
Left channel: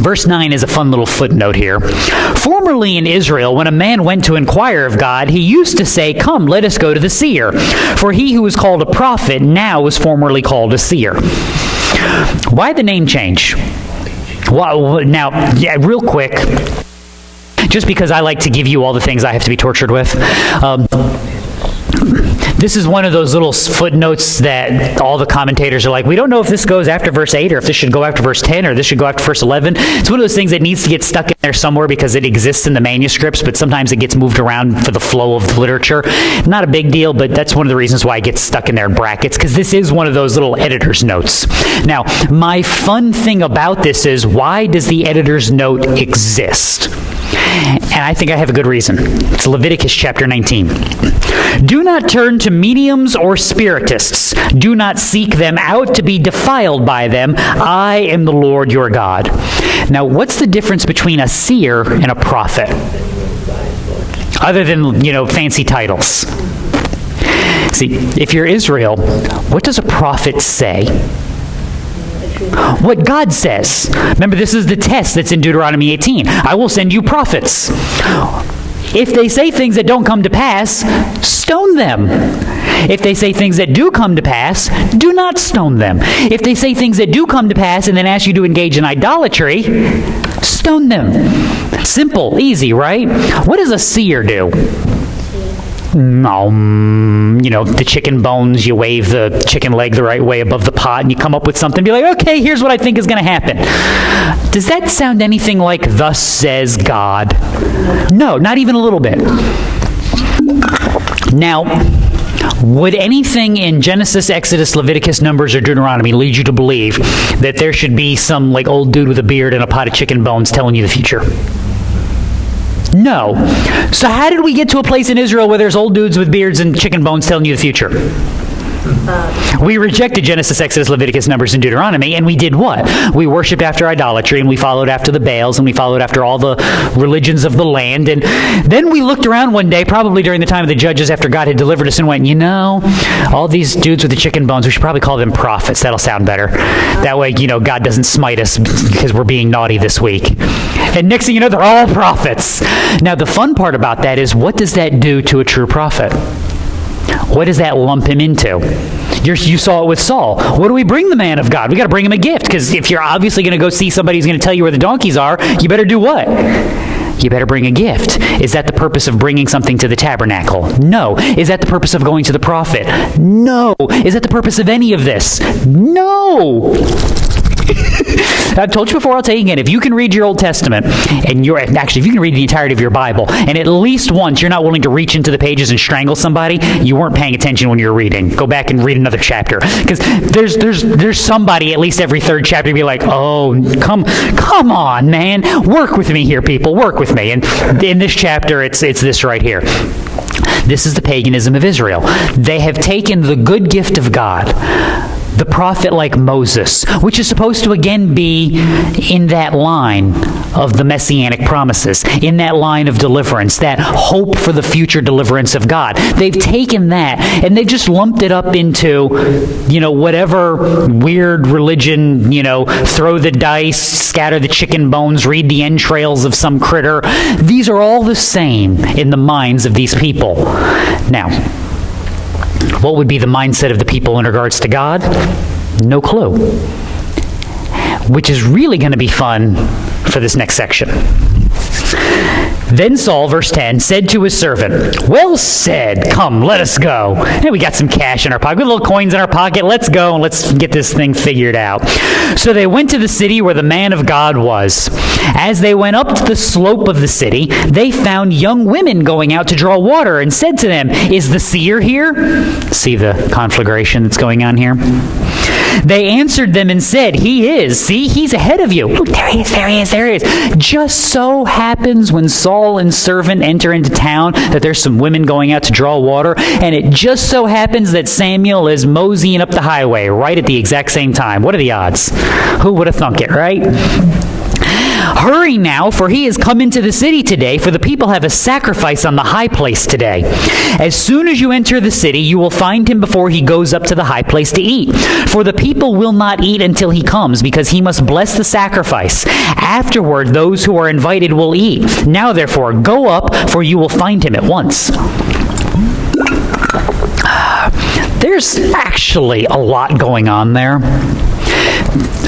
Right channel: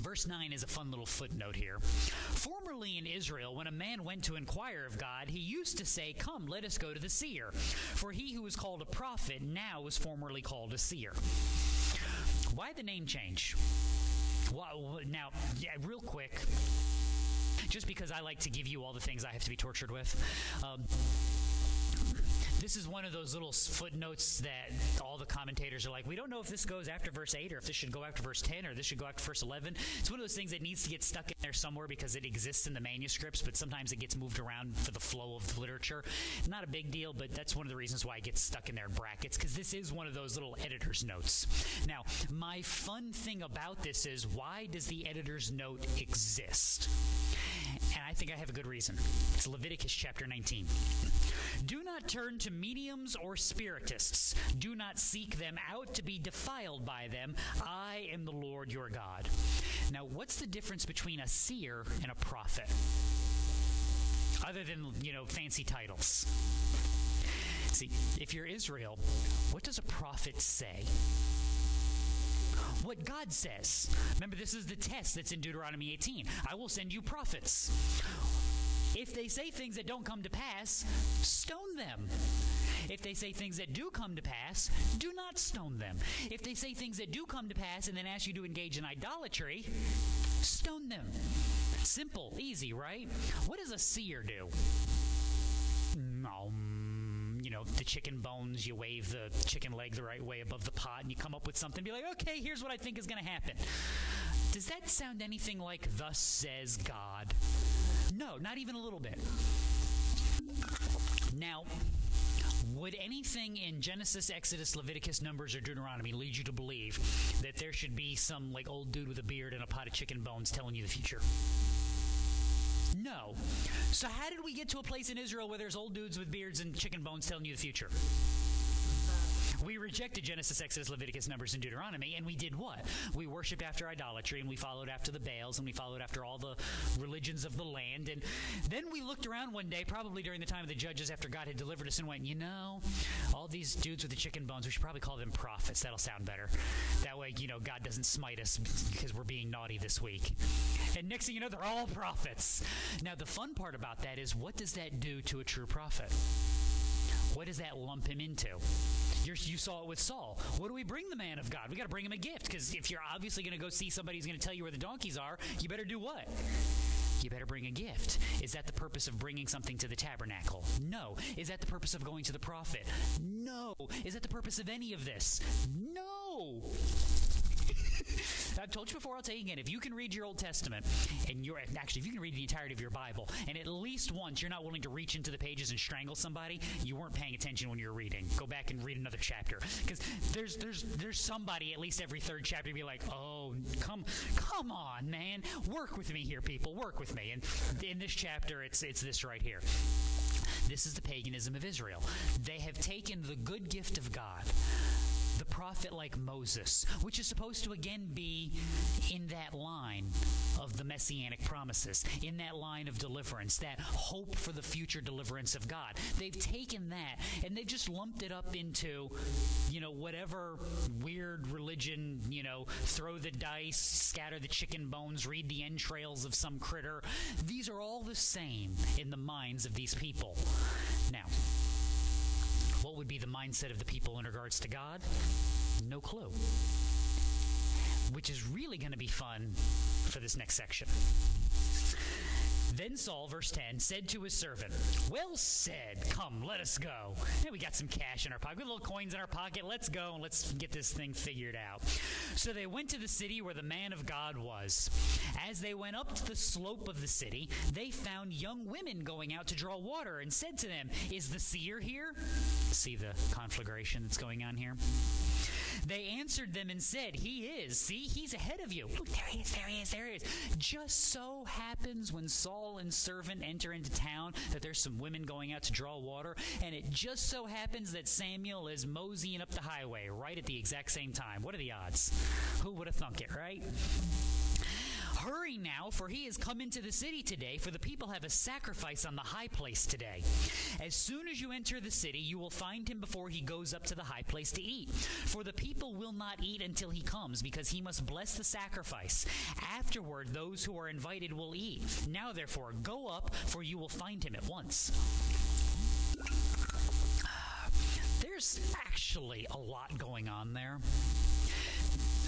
verse 9 is a fun little footnote here. Formerly in Israel, when a man went to inquire of God, he used to say, "Come, let us go to the seer." For he who was called a prophet now is formerly called a seer. Why the name change? Well, now, real quick, just because I like to give you all the things I have to be tortured with, this is one of those little footnotes that all the commentators are like, we don't know if this goes after verse 8 or if this should go after verse 10 or this should go after verse 11. It's one of those things that needs to get stuck in there somewhere because it exists in the manuscripts, but sometimes it gets moved around for the flow of the literature. Not a big deal, but that's one of the reasons why it gets stuck in there in brackets, because this is one of those little editor's notes. Now, my fun thing about this is, why does the editor's note exist? And I think I have a good reason. It's Leviticus chapter 19. Do not turn to mediums or spiritists. Do not seek them out to be defiled by them. I am the Lord your God. Now, what's the difference between a seer and a prophet? Other than, fancy titles. See, if you're Israel, what does a prophet say? What God says. Remember, this is the test that's in Deuteronomy 18. I will send you prophets. If they say things that don't come to pass, stone them. If they say things that do come to pass, do not stone them. If they say things that do come to pass and then ask you to engage in idolatry, stone them. Simple, easy, right? What does a seer do? The chicken bones, you wave the chicken leg the right way above the pot and you come up with something, be like, okay, here's what I think is going to happen. Does that sound anything like "thus says God"? No, not even a little bit. Now, would anything in Genesis, Exodus, Leviticus, Numbers, or Deuteronomy lead you to believe that there should be some old dude with a beard and a pot of chicken bones telling you the future? No. So how did we get to a place in Israel where there's old dudes with beards and chicken bones telling you the future? We rejected Genesis, Exodus, Leviticus, Numbers, and Deuteronomy, and we did what? We worshiped after idolatry, and we followed after the Baals, and we followed after all the religions of the land. And then we looked around one day, probably during the time of the judges after God had delivered us, and went, all these dudes with the chicken bones, we should probably call them prophets. That'll sound better. That way, God doesn't smite us because we're being naughty this week. And next thing you know, they're all prophets. Now, the fun part about that is, what does that do to a true prophet? What does that lump him into? You saw it with Saul. What do we bring the man of God? We got to bring him a gift, because if you're obviously going to go see somebody who's going to tell you where the donkeys are, you better do what? You better bring a gift. Is that the purpose of bringing something to the tabernacle? No. Is that the purpose of going to the prophet? No. Is that the purpose of any of this? No. I've told you before, I'll tell you again, if you can read your Old Testament, and if you can read the entirety of your Bible, and at least once you're not willing to reach into the pages and strangle somebody, you weren't paying attention when you were reading. Go back and read another chapter. Because there's somebody at least every third chapter be like, oh, come on, man. Work with me here, people. Work with me. And in this chapter, it's this right here. This is the paganism of Israel. They have taken the good gift of God, the prophet like Moses, which is supposed to again be in that line of the messianic promises, in that line of deliverance, that hope for the future deliverance of God. They've taken that and they've just lumped it up into, whatever weird religion, throw the dice, scatter the chicken bones, read the entrails of some critter. These are all the same in the minds of these people. Now, what would be the mindset of the people in regards to God? No clue. Which is really going to be fun for this next section. Then Saul, verse 10, said to his servant, "Well said, come, let us go." Hey, we got some cash in our pocket, we got little coins in our pocket. Let's go and let's get this thing figured out. So they went to the city where the man of God was. As they went up to the slope of the city, they found young women going out to draw water and said to them, "Is the seer here?" See the conflagration that's going on here? They answered them and said, "He is. See, he's ahead of you." Look, there he is, there he is, there he is. Just so happens when Saul and servant enter into town that there's some women going out to draw water, and it just so happens that Samuel is moseying up the highway right at the exact same time. What are the odds? Who would have thunk it, right? "Hurry now, for he has come into the city today, for the people have a sacrifice on the high place today. As soon as you enter the city, you will find him before he goes up to the high place to eat. For the people will not eat until he comes, because he must bless the sacrifice. Afterward, those who are invited will eat. Now, therefore, go up, for you will find him at once." There's actually a lot going on there.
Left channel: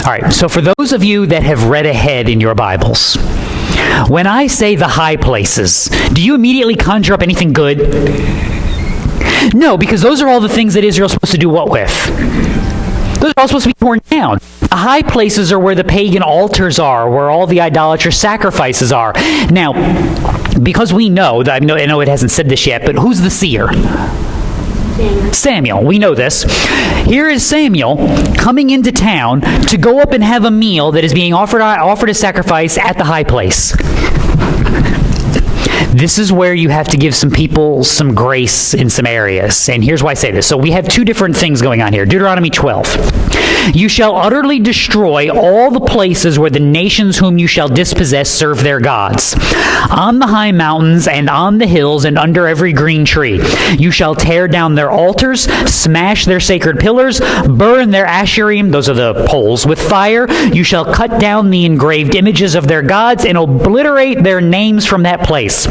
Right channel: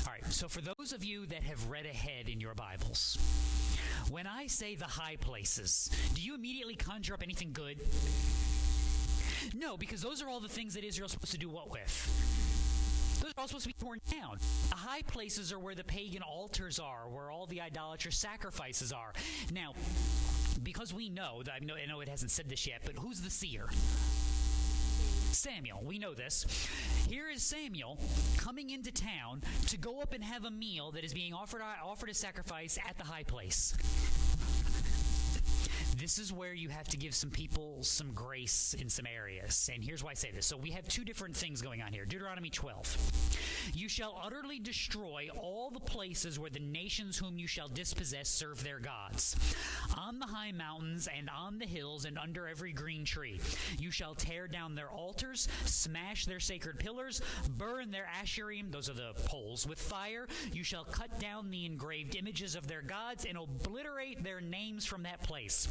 All right, so for those of you that have read ahead in your Bibles, when I say the high places, do you immediately conjure up anything good? No, because those are all the things that Israel's supposed to do what with? Those are all supposed to be torn down. The high places are where the pagan altars are, where all the idolatrous sacrifices are. Now, because we know, I know it hasn't said this yet, but who's the seer? Samuel. We know this. Here is Samuel coming into town to go up and have a meal that is being offered as sacrifice at the high place. This is where you have to give some people some grace in some areas. And here's why I say this. So we have two different things going on here. Deuteronomy 12. "You shall utterly destroy all the places where the nations whom you shall dispossess serve their gods. On the high mountains and on the hills and under every green tree. You shall tear down their altars, smash their sacred pillars, burn their asherim," those are the poles, "with fire. You shall cut down the engraved images of their gods and obliterate their names from that place.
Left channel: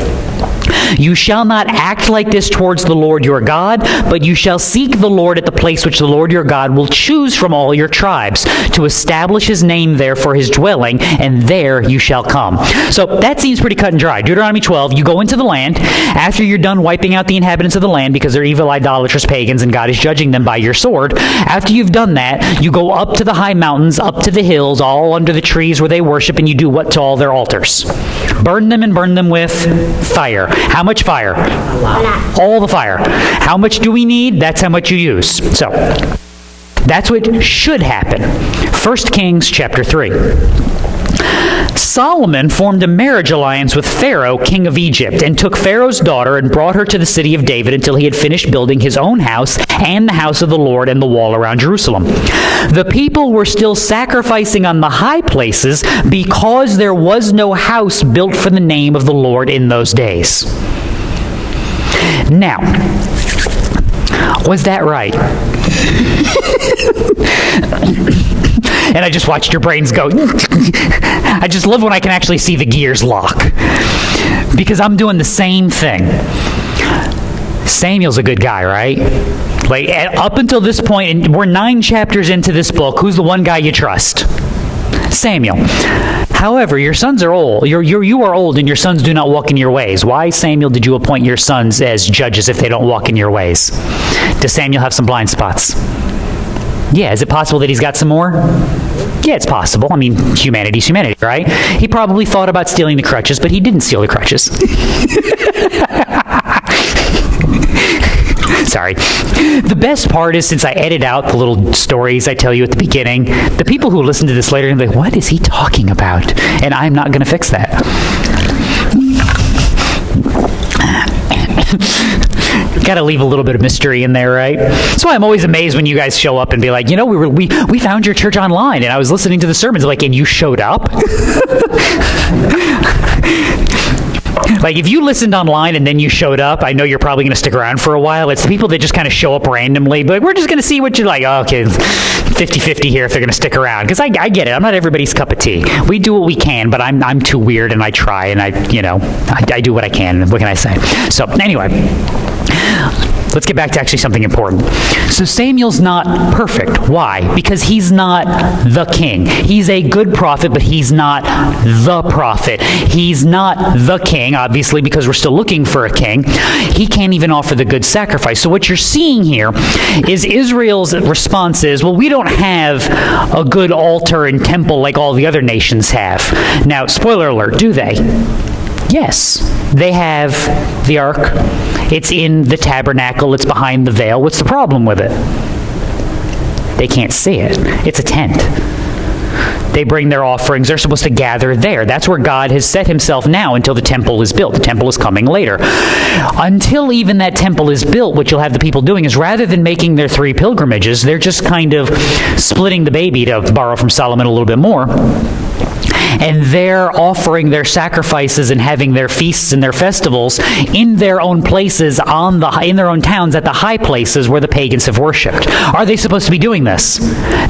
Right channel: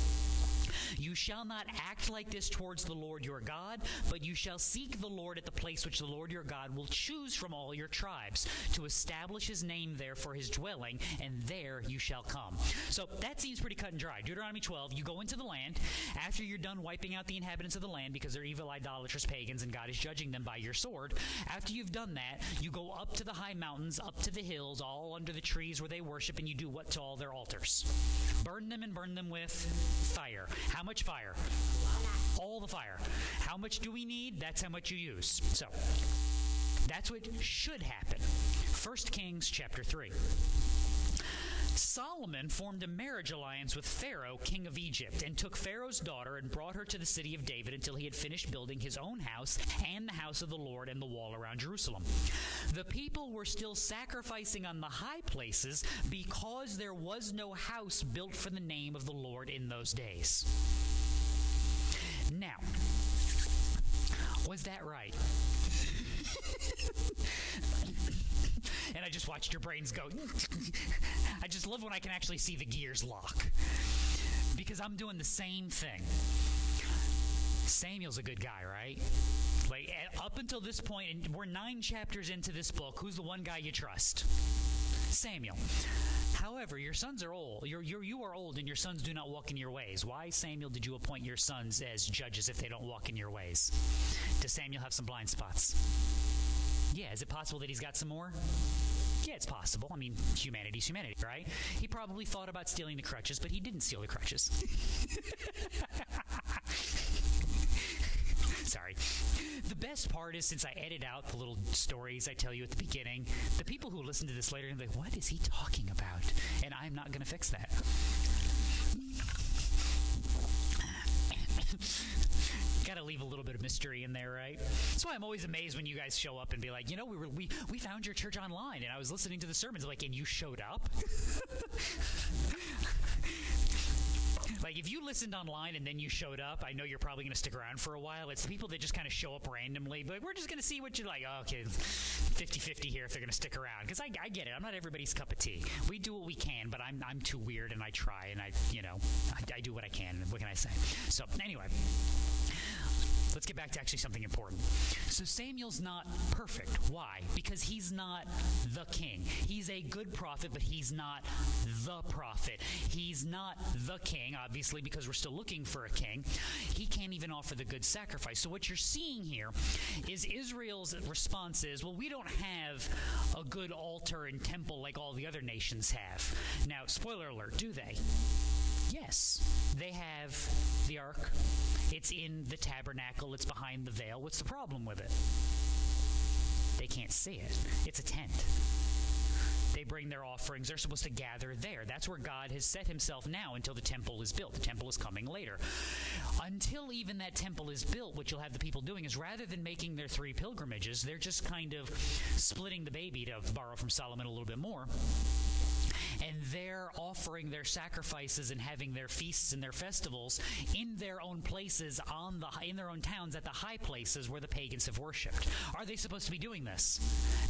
You shall not act like this towards the Lord your God, but you shall seek the Lord at the place which the Lord your God will choose from all your tribes, to establish his name there for his dwelling, and there you shall come." So that seems pretty cut and dry. Deuteronomy 12, you go into the land. After you're done wiping out the inhabitants of the land because they're evil, idolatrous pagans, and God is judging them by your sword, after you've done that, you go up to the high mountains, up to the hills, all under the trees where they worship, and you do what to all their altars? Burn them, and burn them with fire. How much fire? A lot. All the fire. How much do we need? That's how much you use. So that's what should happen. 1 Kings chapter 3. Solomon formed a marriage alliance with Pharaoh, king of Egypt, and took Pharaoh's daughter and brought her to the city of David until he had finished building his own house and the house of the Lord and the wall around Jerusalem. The people were still sacrificing on the high places because there was no house built for the name of the Lord in those days. Now, was that right? And I just watched your brains go. I just love when I can actually see the gears lock, because I'm doing the same thing. Samuel's a good guy, right? Like, up until this point, and we're 9 chapters into this book, who's the one guy you trust? Samuel. However, your sons are old. You are old, and your sons do not walk in your ways. Why, Samuel, did you appoint your sons as judges if they don't walk in your ways? Does Samuel have some blind spots? Yeah, is it possible that he's got some more? Yeah, it's possible. I mean, humanity's humanity, right? He probably thought about stealing the crutches, but he didn't steal the crutches. Sorry. The best part is, since I edit out the little stories I tell you at the beginning, the people who listen to this later are going to be like, what is he talking about? And I'm not going to fix that. Got to leave a little bit of mystery in there, right? That's why I'm always amazed when you guys show up and be like, you know, we found your church online, and I was listening to the sermons, like, and you showed up? Like, if you listened online and then you showed up, I know you're probably going to stick around for a while. It's the people that just kind of show up randomly, but like, we're just going to see what you're like. Oh, okay, 50-50 here if they're going to stick around. Because I get it. I'm not everybody's cup of tea. We do what we can, but I'm too weird, and I try, and I do what I can. What can I say? So anyway, let's get back to actually something important. So Samuel's not perfect. Why? Because he's not the king. He's a good prophet, but he's not the prophet. He's not the king, obviously, because we're still looking for a king. He can't even offer the good sacrifice. So what you're seeing here is Israel's response is, well, we don't have a good altar and temple like all the other nations have. Now, spoiler alert, do they? Yes, they have the ark. It's in the tabernacle. It's behind the veil. What's the problem with it? They can't see it. It's a tent. They bring their offerings. They're supposed to gather there. That's where God has set himself now until the temple is built. The temple is coming later. Until even that temple is built, what you'll have the people doing is rather than making their 3 pilgrimages, they're just kind of splitting the baby, to borrow from Solomon a little bit more. And they're offering their sacrifices and having their feasts and their festivals in their own places, in their own towns, at the high places where the pagans have worshipped. Are they supposed to be doing this?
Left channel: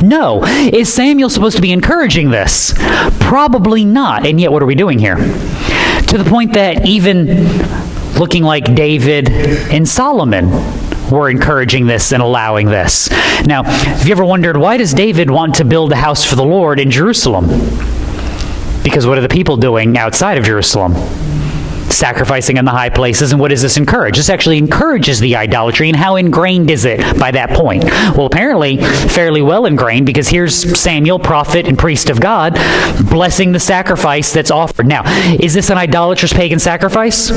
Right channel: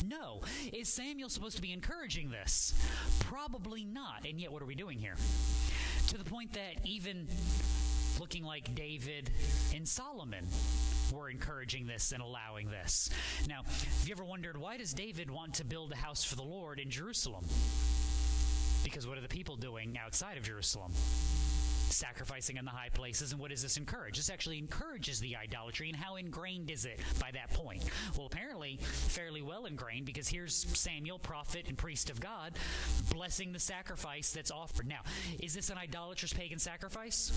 No. Is Samuel supposed to be encouraging this? Probably not. And yet, what are we doing here? To the point that even looking like David and Solomon were encouraging this and allowing this. Now, have you ever wondered, why does David want to build a house for the Lord in Jerusalem? Because what are the people doing outside of Jerusalem? Sacrificing in the high places. And what does this encourage? This actually encourages the idolatry. And how ingrained is it by that point? Well, apparently fairly well ingrained, because here's Samuel, prophet and priest of God, blessing the sacrifice that's offered. Now, is this an idolatrous pagan sacrifice?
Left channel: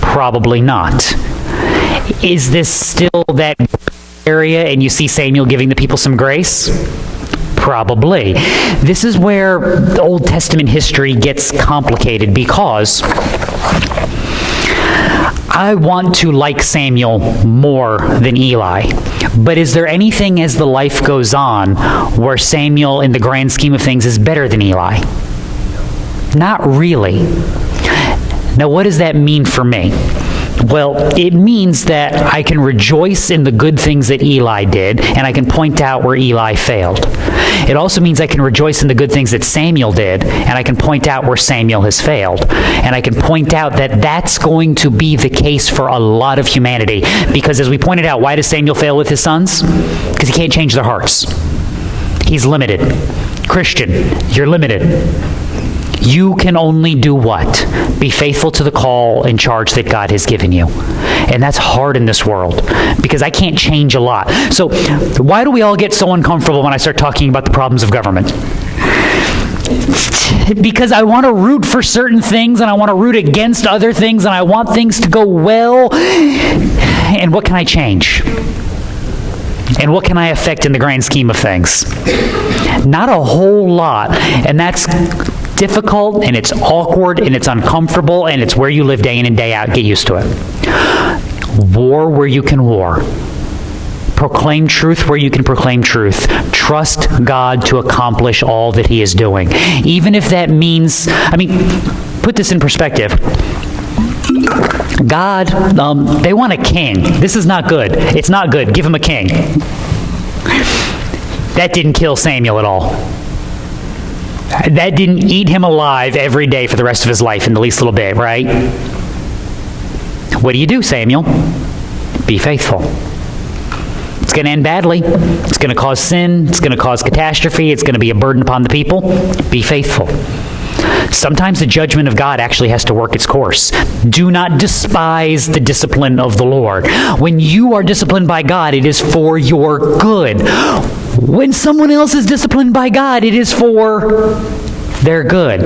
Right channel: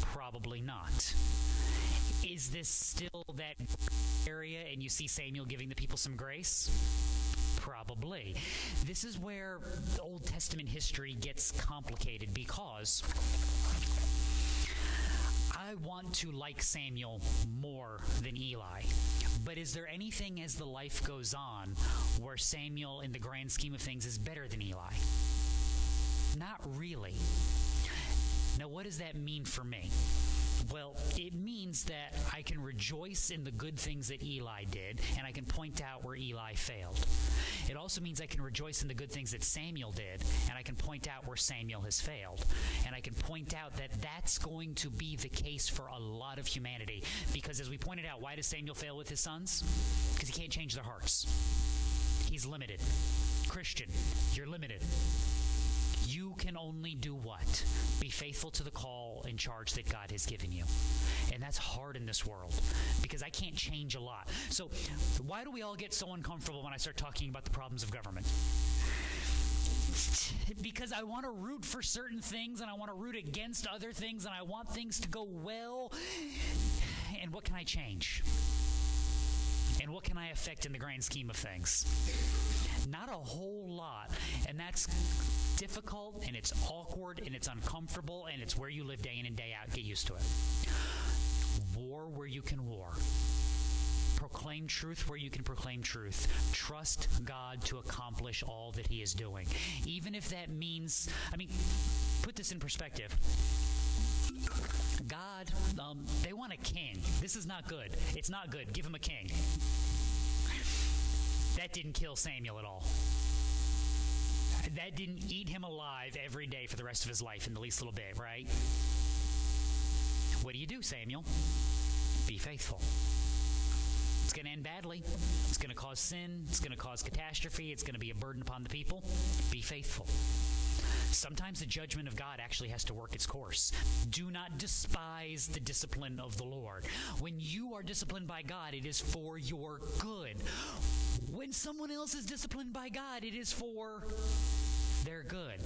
Probably not. Is this still that area and you see Samuel giving the people some grace? Probably. This is where the Old Testament history gets complicated, because I want to like Samuel more than Eli. But is there anything as the life goes on where Samuel, in the grand scheme of things, is better than Eli? Not really. Now, what does that mean for me? Well, it means that I can rejoice in the good things that Eli did, and I can point out where Eli failed. It also means I can rejoice in the good things that Samuel did, and I can point out where Samuel has failed. And I can point out that that's going to be the case for a lot of humanity. Because as we pointed out, why does Samuel fail with his sons? Because he can't change their hearts. He's limited. Christian, you're limited. You can only do what? Be faithful to the call and charge that God has given you. And that's hard in this world, because I can't change a lot. So why do we all get so uncomfortable when I start talking about the problems of government? Because I want to root for certain things, and I want to root against other things, and I want things to go well. And what can I change? And what can I affect in the grand scheme of things? Not a whole lot. And that's difficult, and it's awkward, and it's uncomfortable, and it's where you live day in and day out. Get used to it. War where you can war. Proclaim truth where you can proclaim truth. Trust God to accomplish all that he is doing. Even if that means, put this in perspective. God, they want a king. This is not good. It's not good. Give him a king. That didn't kill Samuel at all. That didn't eat him alive every day for the rest of his life in the least little bit, right? What do you do, Samuel? Be faithful. It's going to end badly. It's going to cause sin. It's going to cause catastrophe. It's going to be a burden upon the people. Be faithful. Sometimes the judgment of God actually has to work its course. Do not despise the discipline of the Lord. When you are disciplined by God, it is for your good. When someone else is disciplined by God, it is for their good.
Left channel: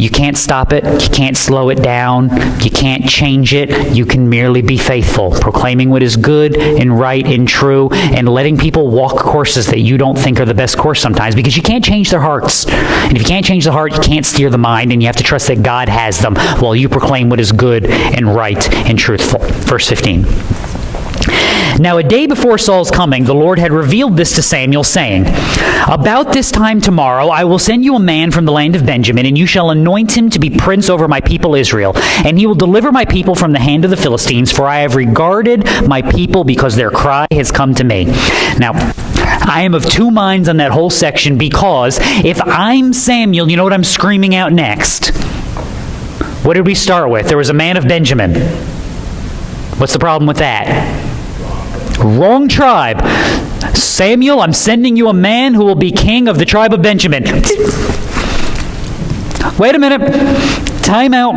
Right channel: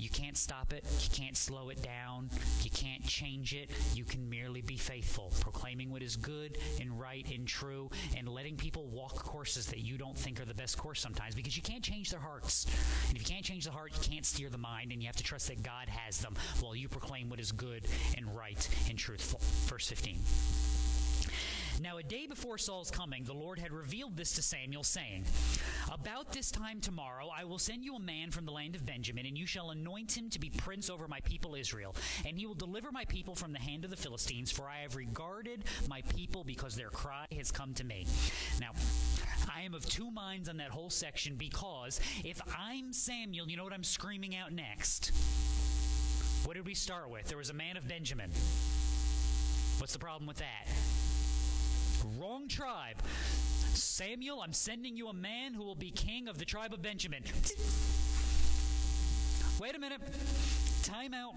You can't stop it. You can't slow it down. You can't change it. You can merely be faithful, proclaiming what is good and right and true, and letting people walk courses that you don't think are the best course sometimes, because you can't change their hearts. And if you can't change the heart, you can't steer the mind, and you have to trust that God has them while you proclaim what is good and right and truthful. Verse 15. Now, a day before Saul's coming, the Lord had revealed this to Samuel, saying, "About this time tomorrow I will send you a man from the land of Benjamin, and you shall anoint him to be prince over my people Israel. And he will deliver my people from the hand of the Philistines, for I have regarded my people because their cry has come to me." Now, I am of two minds on that whole section, because if I'm Samuel, you know what I'm screaming out next? What did we start with? There was a man of Benjamin. What's the problem with that? Wrong tribe. Samuel, I'm sending you a man who will be king of the tribe of Benjamin. Wait a minute. Time out.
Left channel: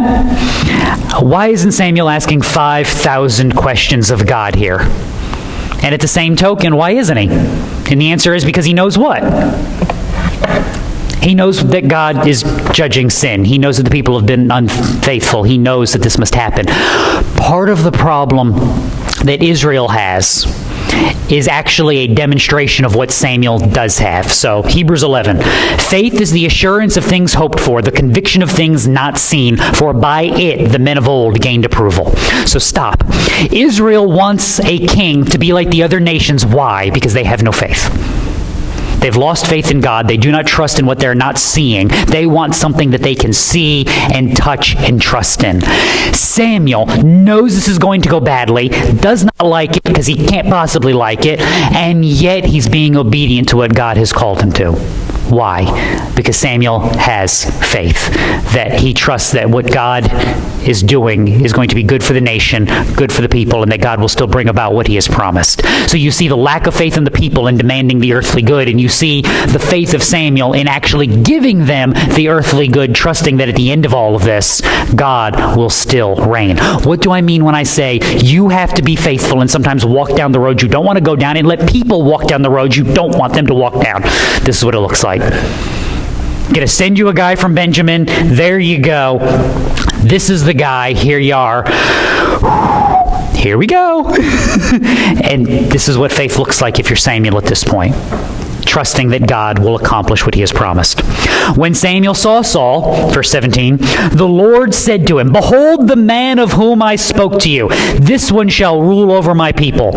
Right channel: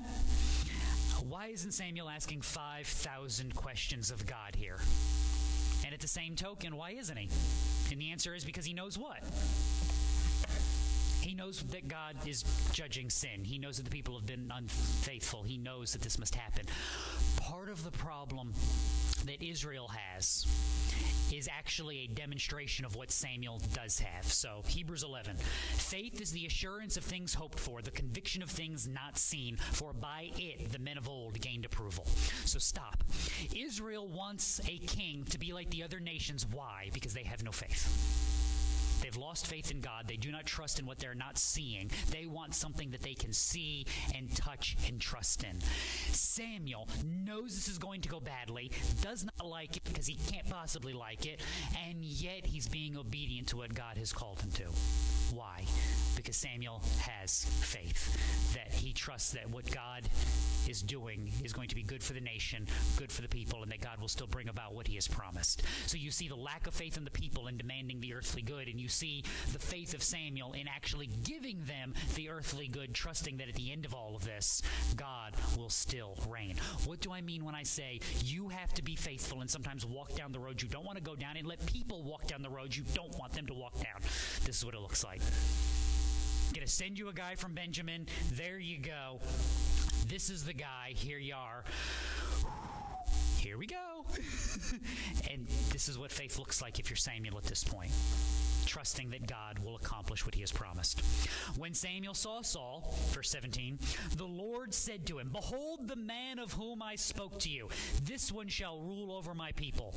Why isn't Samuel asking 5,000 questions of God here? And at the same token, why isn't he? And the answer is because he knows what? He knows that God is judging sin. He knows that the people have been unfaithful. He knows that this must happen. Part of the problem that Israel has is actually a demonstration of what Samuel does have. So, Hebrews 11. Faith is the assurance of things hoped for, the conviction of things not seen, for by it the men of old gained approval. So stop. Israel wants a king to be like the other nations. Why? Because they have no faith. They've lost faith in God. They do not trust in what they're not seeing. They want something that they can see and touch and trust in. Samuel knows this is going to go badly, does not like it because he can't possibly like it, and yet he's being obedient to what God has called him to. Why? Because Samuel has faith, that he trusts that what God is doing is going to be good for the nation, good for the people, and that God will still bring about what he has promised. So you see the lack of faith in the people in demanding the earthly good, and you see the faith of Samuel in actually giving them the earthly good, trusting that at the end of all of this, God will still reign. What do I mean when I say you have to be faithful and sometimes walk down the road you don't want to go down and let people walk down the road you don't want them to walk down? This is what it looks like. Gonna send you a guy from Benjamin. There you go. This is the guy. Here you are. Here we go. And this is what faith looks like if you're Samuel at this point. Trusting that God will accomplish what he has promised. When Samuel saw Saul, verse 17, the Lord said to him, behold the man of whom I spoke to you. This one shall rule over my people.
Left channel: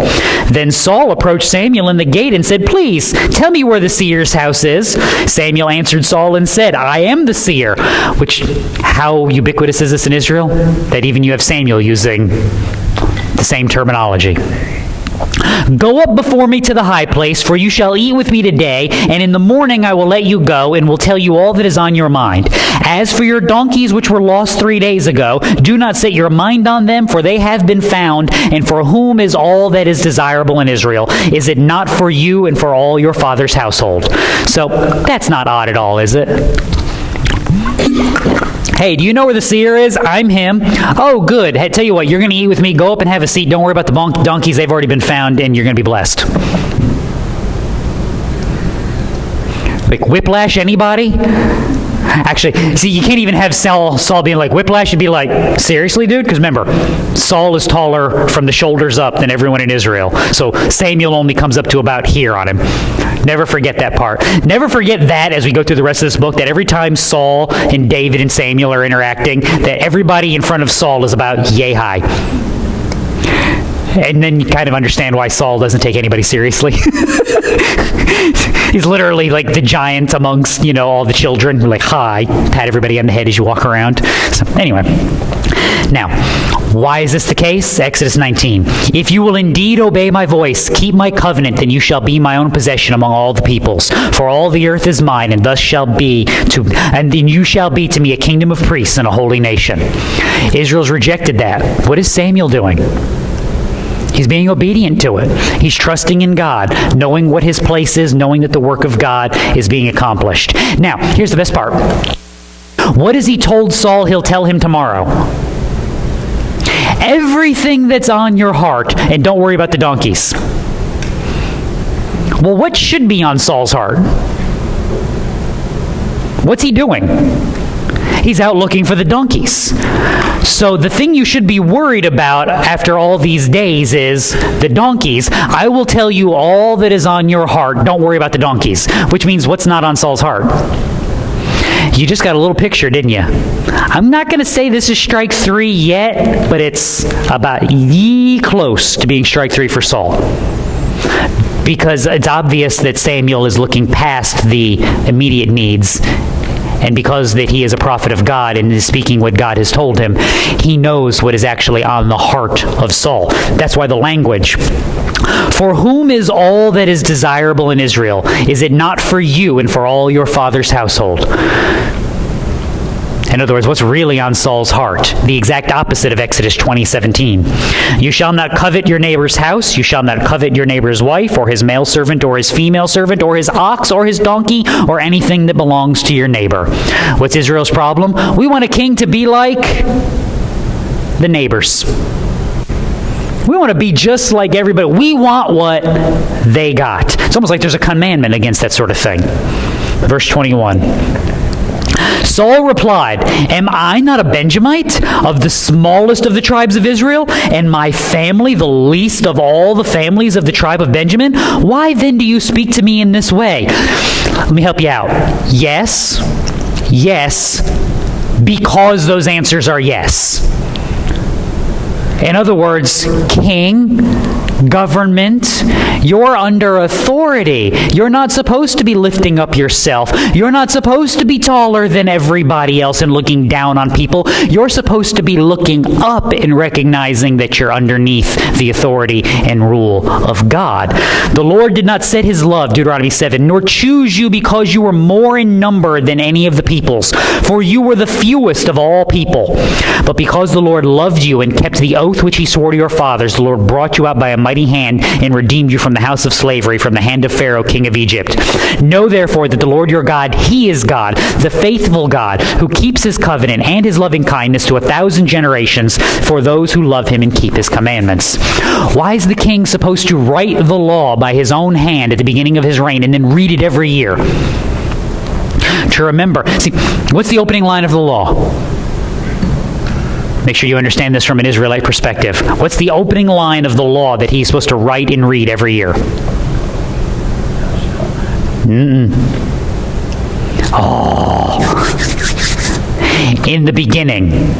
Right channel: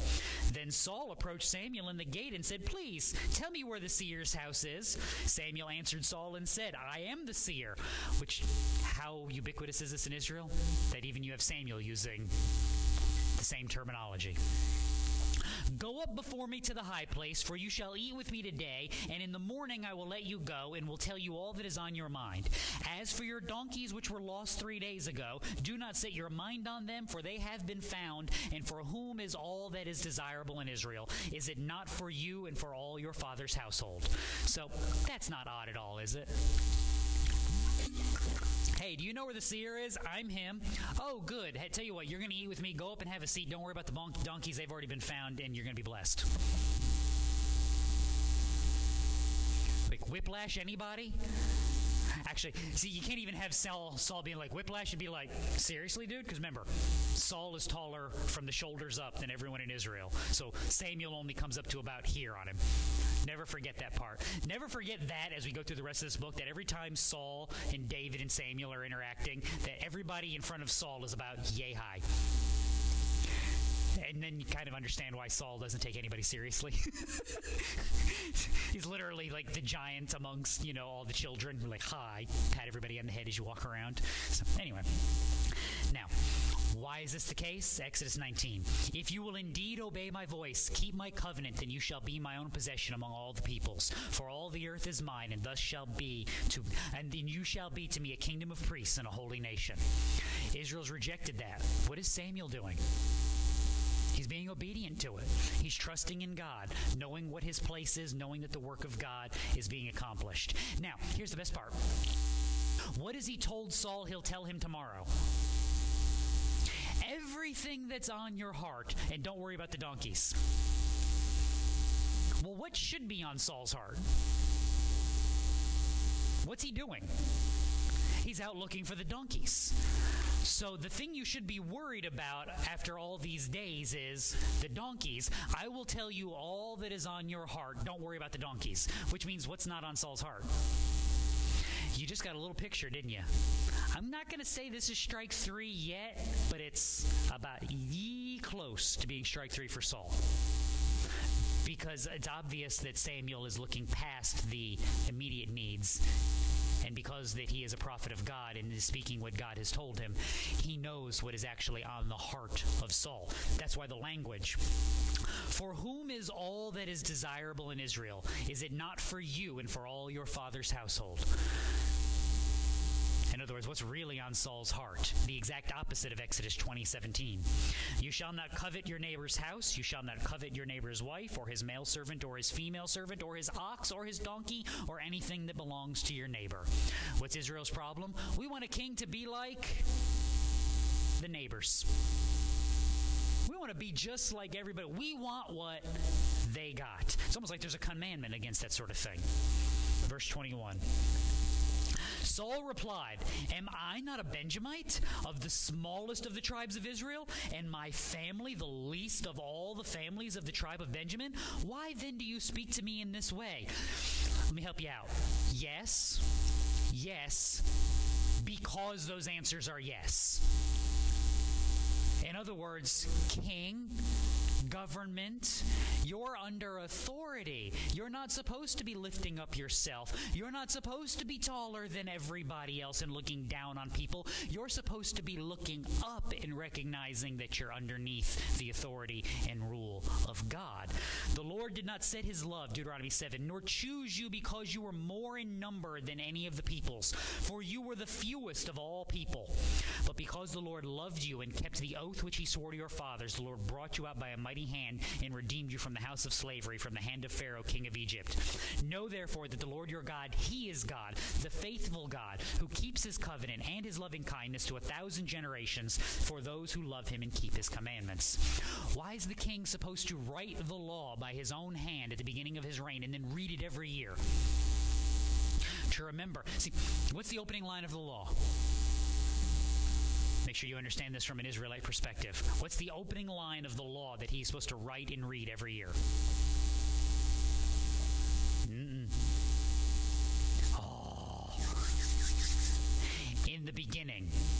Then Saul approached Samuel in the gate and said, please, tell me where the seer's house is. Samuel answered Saul and said, I am the seer. Which, how ubiquitous is this in Israel? That even you have Samuel using the same terminology. Go up before me to the high place, for you shall eat with me today, and in the morning I will let you go, and will tell you all that is on your mind. As for your donkeys which were lost 3 days ago, do not set your mind on them, for they have been found, and for whom is all that is desirable in Israel? Is it not for you and for all your father's household? So, that's not odd at all, is it? Hey, do you know where the seer is? I'm him. Oh, good. Hey, tell you what, you're going to eat with me. Go up and have a seat. Don't worry about the donkeys. They've already been found, and you're going to be blessed. Like whiplash, anybody? Actually, see, you can't even have Saul being like, whiplash. You'd be like, seriously, dude? Because remember, Saul is taller from the shoulders up than everyone in Israel. So Samuel only comes up to about here on him. Never forget that part. Never forget that as we go through the rest of this book, that every time Saul and David and Samuel are interacting, that everybody in front of Saul is about yay high. And then you kind of understand why Saul doesn't take anybody seriously. He's literally like the giant amongst, all the children. Like, hi, pat everybody on the head as you walk around. So anyway, now, why is this the case? Exodus 19. If you will indeed obey my voice, keep my covenant, then you shall be my own possession among all the peoples. For all the earth is mine, and then you shall be to me a kingdom of priests and a holy nation. Israel's rejected that. What is Samuel doing? He's being obedient to it. He's trusting in God, knowing what his place is, knowing that the work of God is being accomplished. Now, here's the best part. What has he told Saul he'll tell him tomorrow? Everything that's on your heart, and don't worry about the donkeys. Well, what should be on Saul's heart? What's he doing? He's out looking for the donkeys. So the thing you should be worried about after all these days is the donkeys. I will tell you all that is on your heart. Don't worry about the donkeys. Which means what's not on Saul's heart? You just got a little picture, didn't you? I'm not going to say this is strike 3 yet, but it's about close to being strike 3 for Saul. Because it's obvious that Samuel is looking past the immediate needs. And because that he is a prophet of God and is speaking what God has told him, he knows what is actually on the heart of Saul. That's why the language, for whom is all that is desirable in Israel? Is it not for you and for all your father's household? In other words, what's really on Saul's heart? The exact opposite of Exodus 20:17. You shall not covet your neighbor's house. You shall not covet your neighbor's wife, or his male servant, or his female servant, or his ox, or his donkey, or anything that belongs to your neighbor. What's Israel's problem? We want a king to be like the neighbors. We want to be just like everybody. We want what they got. It's almost like there's a commandment against that sort of thing. Verse 21. Saul replied, am I not a Benjamite, of the smallest of the tribes of Israel, and my family the least of all the families of the tribe of Benjamin? Why then do you speak to me in this way? Let me help you out. Yes, because those answers are yes. In other words, king, government, you're under authority. You're not supposed to be lifting up yourself. You're not supposed to be taller than everybody else and looking down on people. You're supposed to be looking up and recognizing that you're underneath the authority and rule of God. The Lord did not set his love, Deuteronomy 7, nor choose you because you were more in number than any of the peoples, for you were the fewest of all people. But because the Lord loved you and kept the oath which he swore to your fathers, the Lord brought you out by a mighty hand and redeemed you from the house of slavery, from the hand of Pharaoh, king of Egypt. Know therefore that the Lord your God, he is God, the faithful God, who keeps his covenant and his loving kindness to 1,000 generations for those who love him and keep his commandments. Why is the king supposed to write the law by his own hand at the beginning of his reign and then read it every year? To remember. See, what's the opening line of the law? Make sure you understand this from an Israelite perspective. What's the opening line of the law that he's supposed to write and read every year? In the beginning,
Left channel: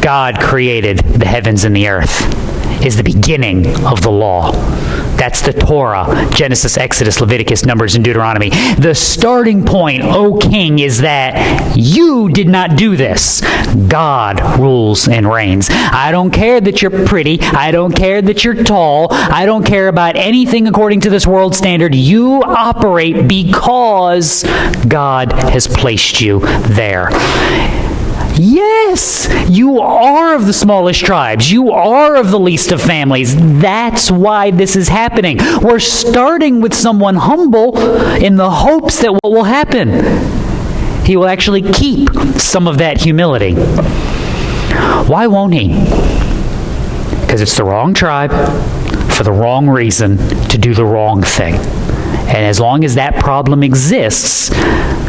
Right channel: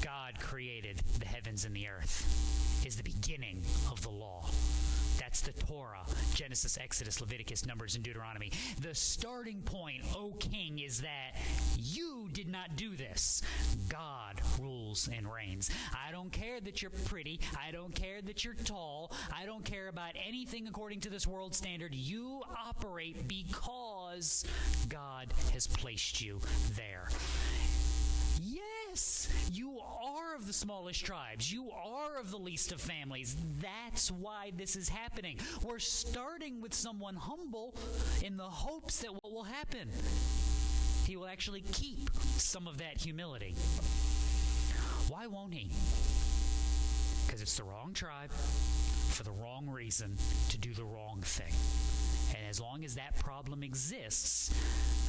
God created the heavens and the earth. Is the beginning of the law. That's the Torah, Genesis, Exodus, Leviticus, Numbers, and Deuteronomy. The starting point, O king, is that you did not do this. God rules and reigns. I don't care that you're pretty. I don't care that you're tall. I don't care about anything according to this world standard. You operate because God has placed you there. Yes, you are of the smallest tribes. You are of the least of families. That's why this is happening. We're starting with someone humble in the hopes that what will happen? He will actually keep some of that humility. Why won't he? Because it's the wrong tribe for the wrong reason to do the wrong thing. And as long as that problem exists,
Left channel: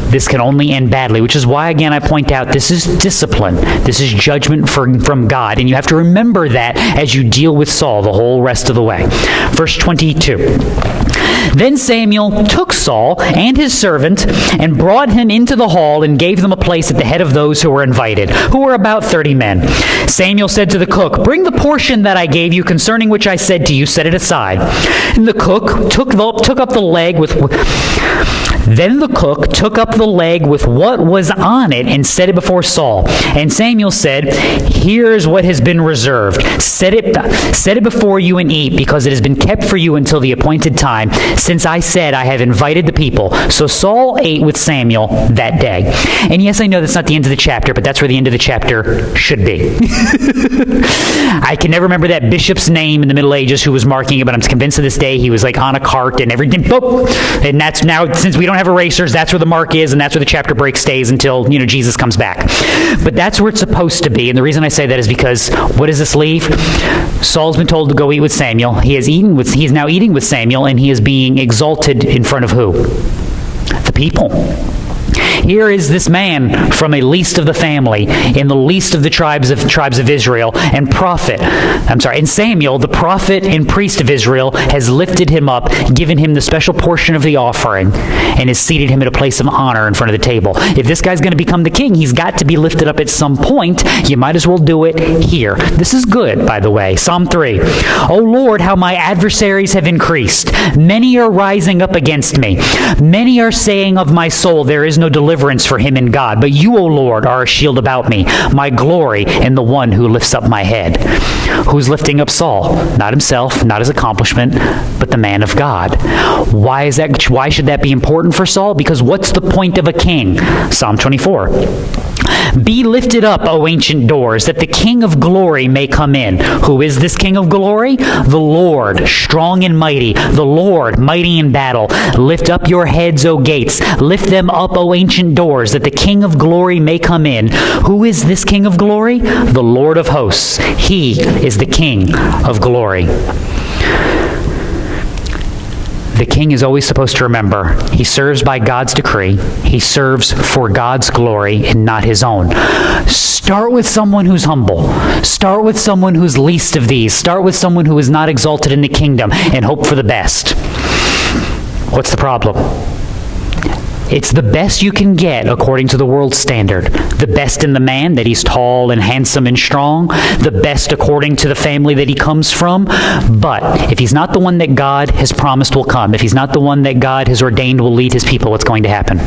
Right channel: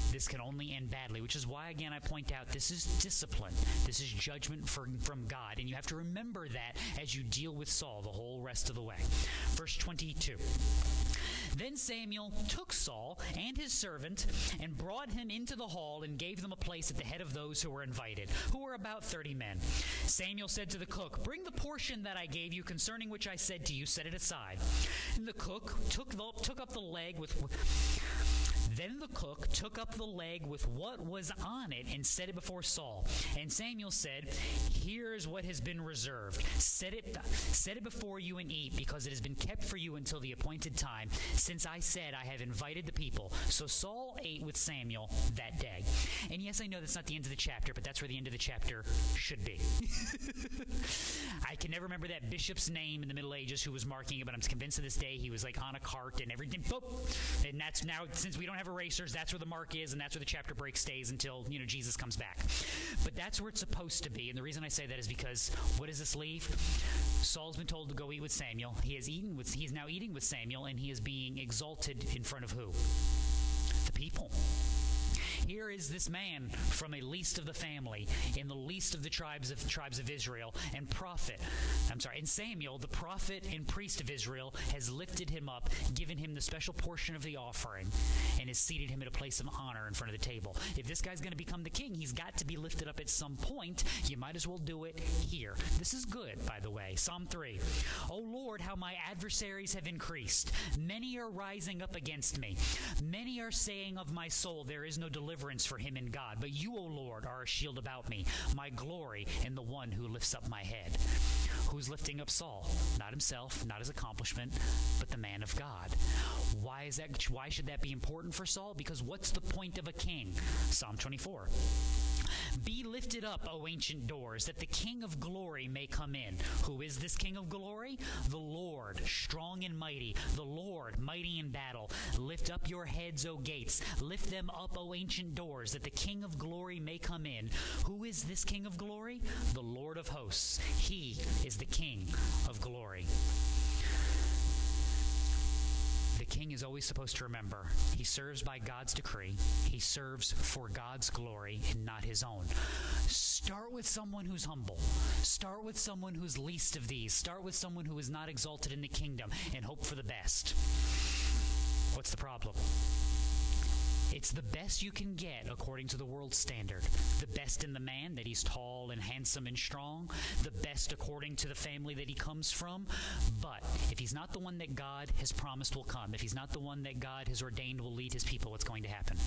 this can only end badly, which is why, again, I point out this is discipline. This is judgment from God, and you have to remember that as you deal with Saul the whole rest of the way. Verse 22. Then Samuel took Saul and his servant and brought him into the hall and gave them a place at the head of those who were invited, who were about 30 men. Samuel said to the cook, bring the portion that I gave you concerning which I said to you, set it aside. And the cook took up the leg with... Then the cook took up the leg with what was on it and set it before Saul. And Samuel said, here's what has been reserved. Set it before you and eat, because it has been kept for you until the appointed time, since I said I have invited the people. So Saul ate with Samuel that day. And yes, I know that's not the end of the chapter, but that's where the end of the chapter should be. I can never remember that bishop's name in the Middle Ages who was marking it, but I'm convinced to this day he was like on a cart and everything. Boop. And that's now, since we don't have erasers, that's where the mark is, and that's where the chapter break stays until, Jesus comes back. But that's where it's supposed to be, and the reason I say that is because what does this leave? Saul's been told to go eat with Samuel. He is now eating with Samuel, and he is being exalted in front of who? The people. Here is this man from a least of the family, in the least of the tribes of Israel, and Samuel, the prophet and priest of Israel, has lifted him up, given him the special portion of the offering, and has seated him at a place of honor in front of the table. If this guy's going to become the king, he's got to be lifted up at some point. You might as well do it here. This is good, by the way. Psalm 3. O Lord, how my adversaries have increased. Many are rising up against me. Many are saying of my soul, there is no deliverance for him in God. But you, O Lord, are a shield about me, my glory, and the one who lifts up my head. Who's lifting up Saul? Not himself, not his accomplishment, but the man of God. Why is that? Why should that be important for Saul? Because what's the point of a king? Psalm 24. Be lifted up, O ancient doors, that the King of glory may come in. Who is this King of glory? The Lord, strong and mighty, the Lord, mighty in battle. Lift up your heads, O gates. Lift them up, O ancient doors, that the King of glory may come in. Who is this King of glory? The Lord of hosts. He is the King of glory. The king is always supposed to remember he serves by God's decree. He serves for God's glory and not his own. Start with someone who's humble. Start with someone who's least of these. Start with someone who is not exalted in the kingdom and hope for the best. What's the problem? It's the best you can get according to the world's standard. The best in the man, that he's tall and handsome and strong. The best according to the family that he comes from. But if he's not the one that God has promised will come, if he's not the one that God has ordained will lead his people, what's going to happen?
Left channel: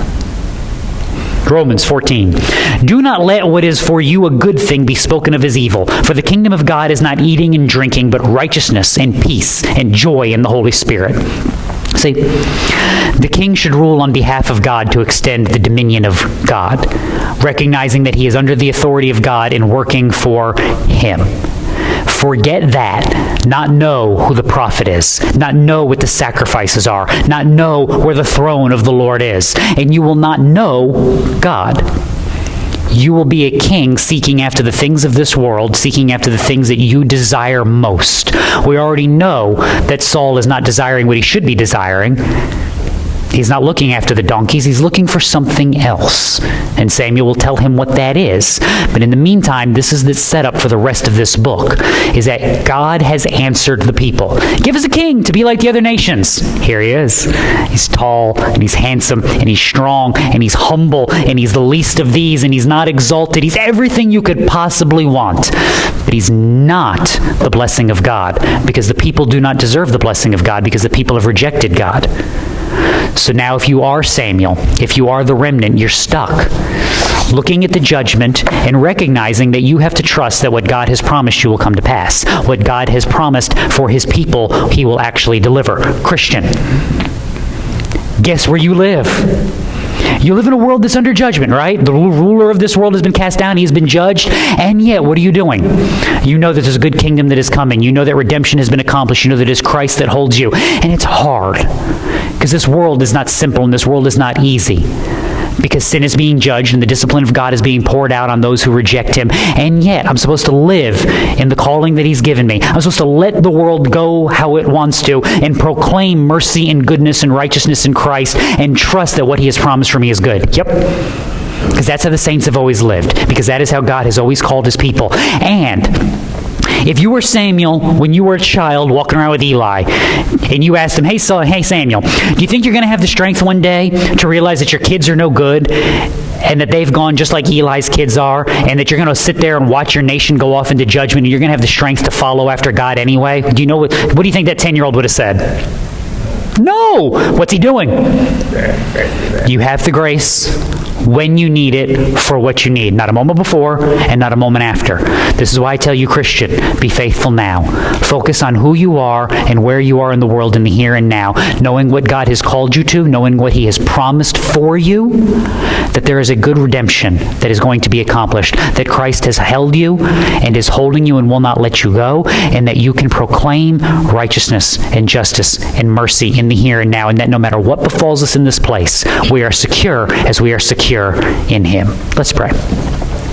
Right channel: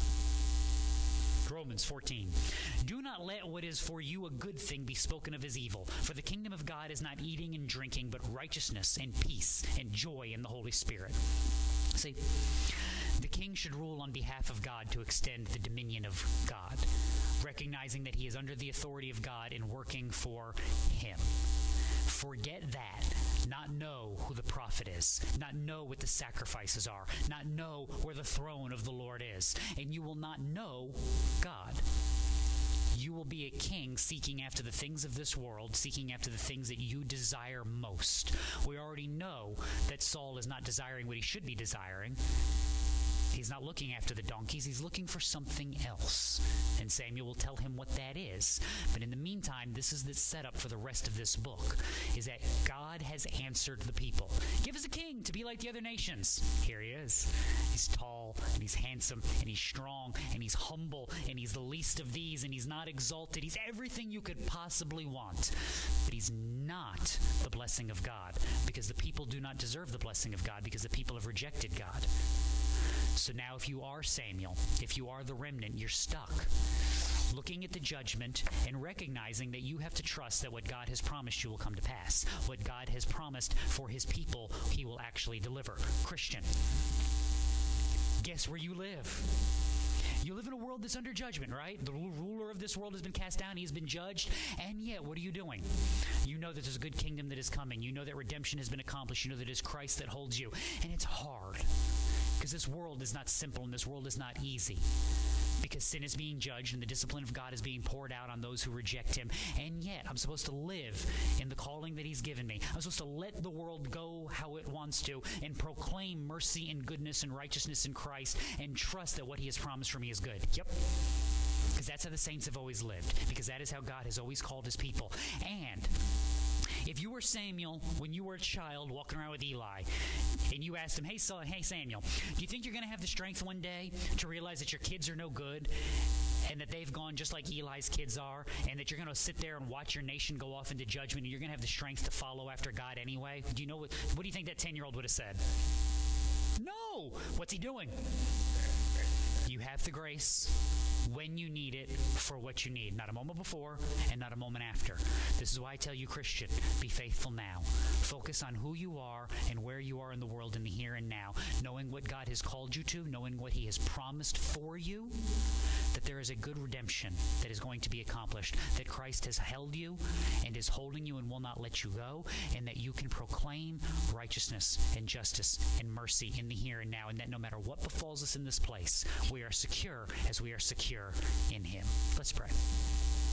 Romans 14. Do not let what is for you a good thing be spoken of as evil. For the kingdom of God is not eating and drinking, but righteousness and peace and joy in the Holy Spirit. See, the king should rule on behalf of God to extend the dominion of God, recognizing that he is under the authority of God and working for him. Forget that. Not know who the prophet is. Not know what the sacrifices are. Not know where the throne of the Lord is. And you will not know God. You will be a king seeking after the things of this world, seeking after the things that you desire most. We already know that Saul is not desiring what he should be desiring. He's not looking after the donkeys. He's looking for something else. And Samuel will tell him what that is. But in the meantime, this is the setup for the rest of this book, is that God has answered the people. Give us a king to be like the other nations. Here he is. He's tall, and he's handsome, and he's strong, and he's humble, and he's the least of these, and he's not exalted. He's everything you could possibly want. But he's not the blessing of God, because the people do not deserve the blessing of God, because the people have rejected God. So now if you are Samuel, if you are the remnant, you're stuck looking at the judgment and recognizing that you have to trust that what God has promised you will come to pass. What God has promised for his people, he will actually deliver. Christian, guess where you live? You live in a world that's under judgment, right? The ruler of this world has been cast down. He's been judged. And yet, what are you doing? You know that there's a good kingdom that is coming. You know that redemption has been accomplished. You know that it is Christ that holds you. And it's hard, because this world is not simple and this world is not easy. Because sin is being judged and the discipline of God is being poured out on those who reject him. And yet, I'm supposed to live in the calling that he's given me. I'm supposed to let the world go how it wants to and proclaim mercy and goodness and righteousness in Christ and trust that what he has promised for me is good. Yep. Because that's how the saints have always lived. Because that is how God has always called his people. And if you were Samuel when you were a child walking around with Eli, and you asked him, hey Samuel, do you think you're going to have the strength one day to realize that your kids are no good and that they've gone just like Eli's kids are, and that you're going to sit there and watch your nation go off into judgment and you're going to have the strength to follow after God anyway? Do you know what do you think that 10-year-old would have said? No! What's he doing? You have the grace when you need it for what you need. Not a moment before and not a moment after. This is why I tell you, Christian, be faithful now. Focus on who you are and where you are in the world in the here and now, knowing what God has called you to, knowing what he has promised for you, that there is a good redemption that is going to be accomplished, that Christ has held you and is holding you and will not let you go, and that you can proclaim righteousness and justice and mercy in the here and now, and that no matter what befalls us in this place, we are secure as we are secure in him. Let's pray.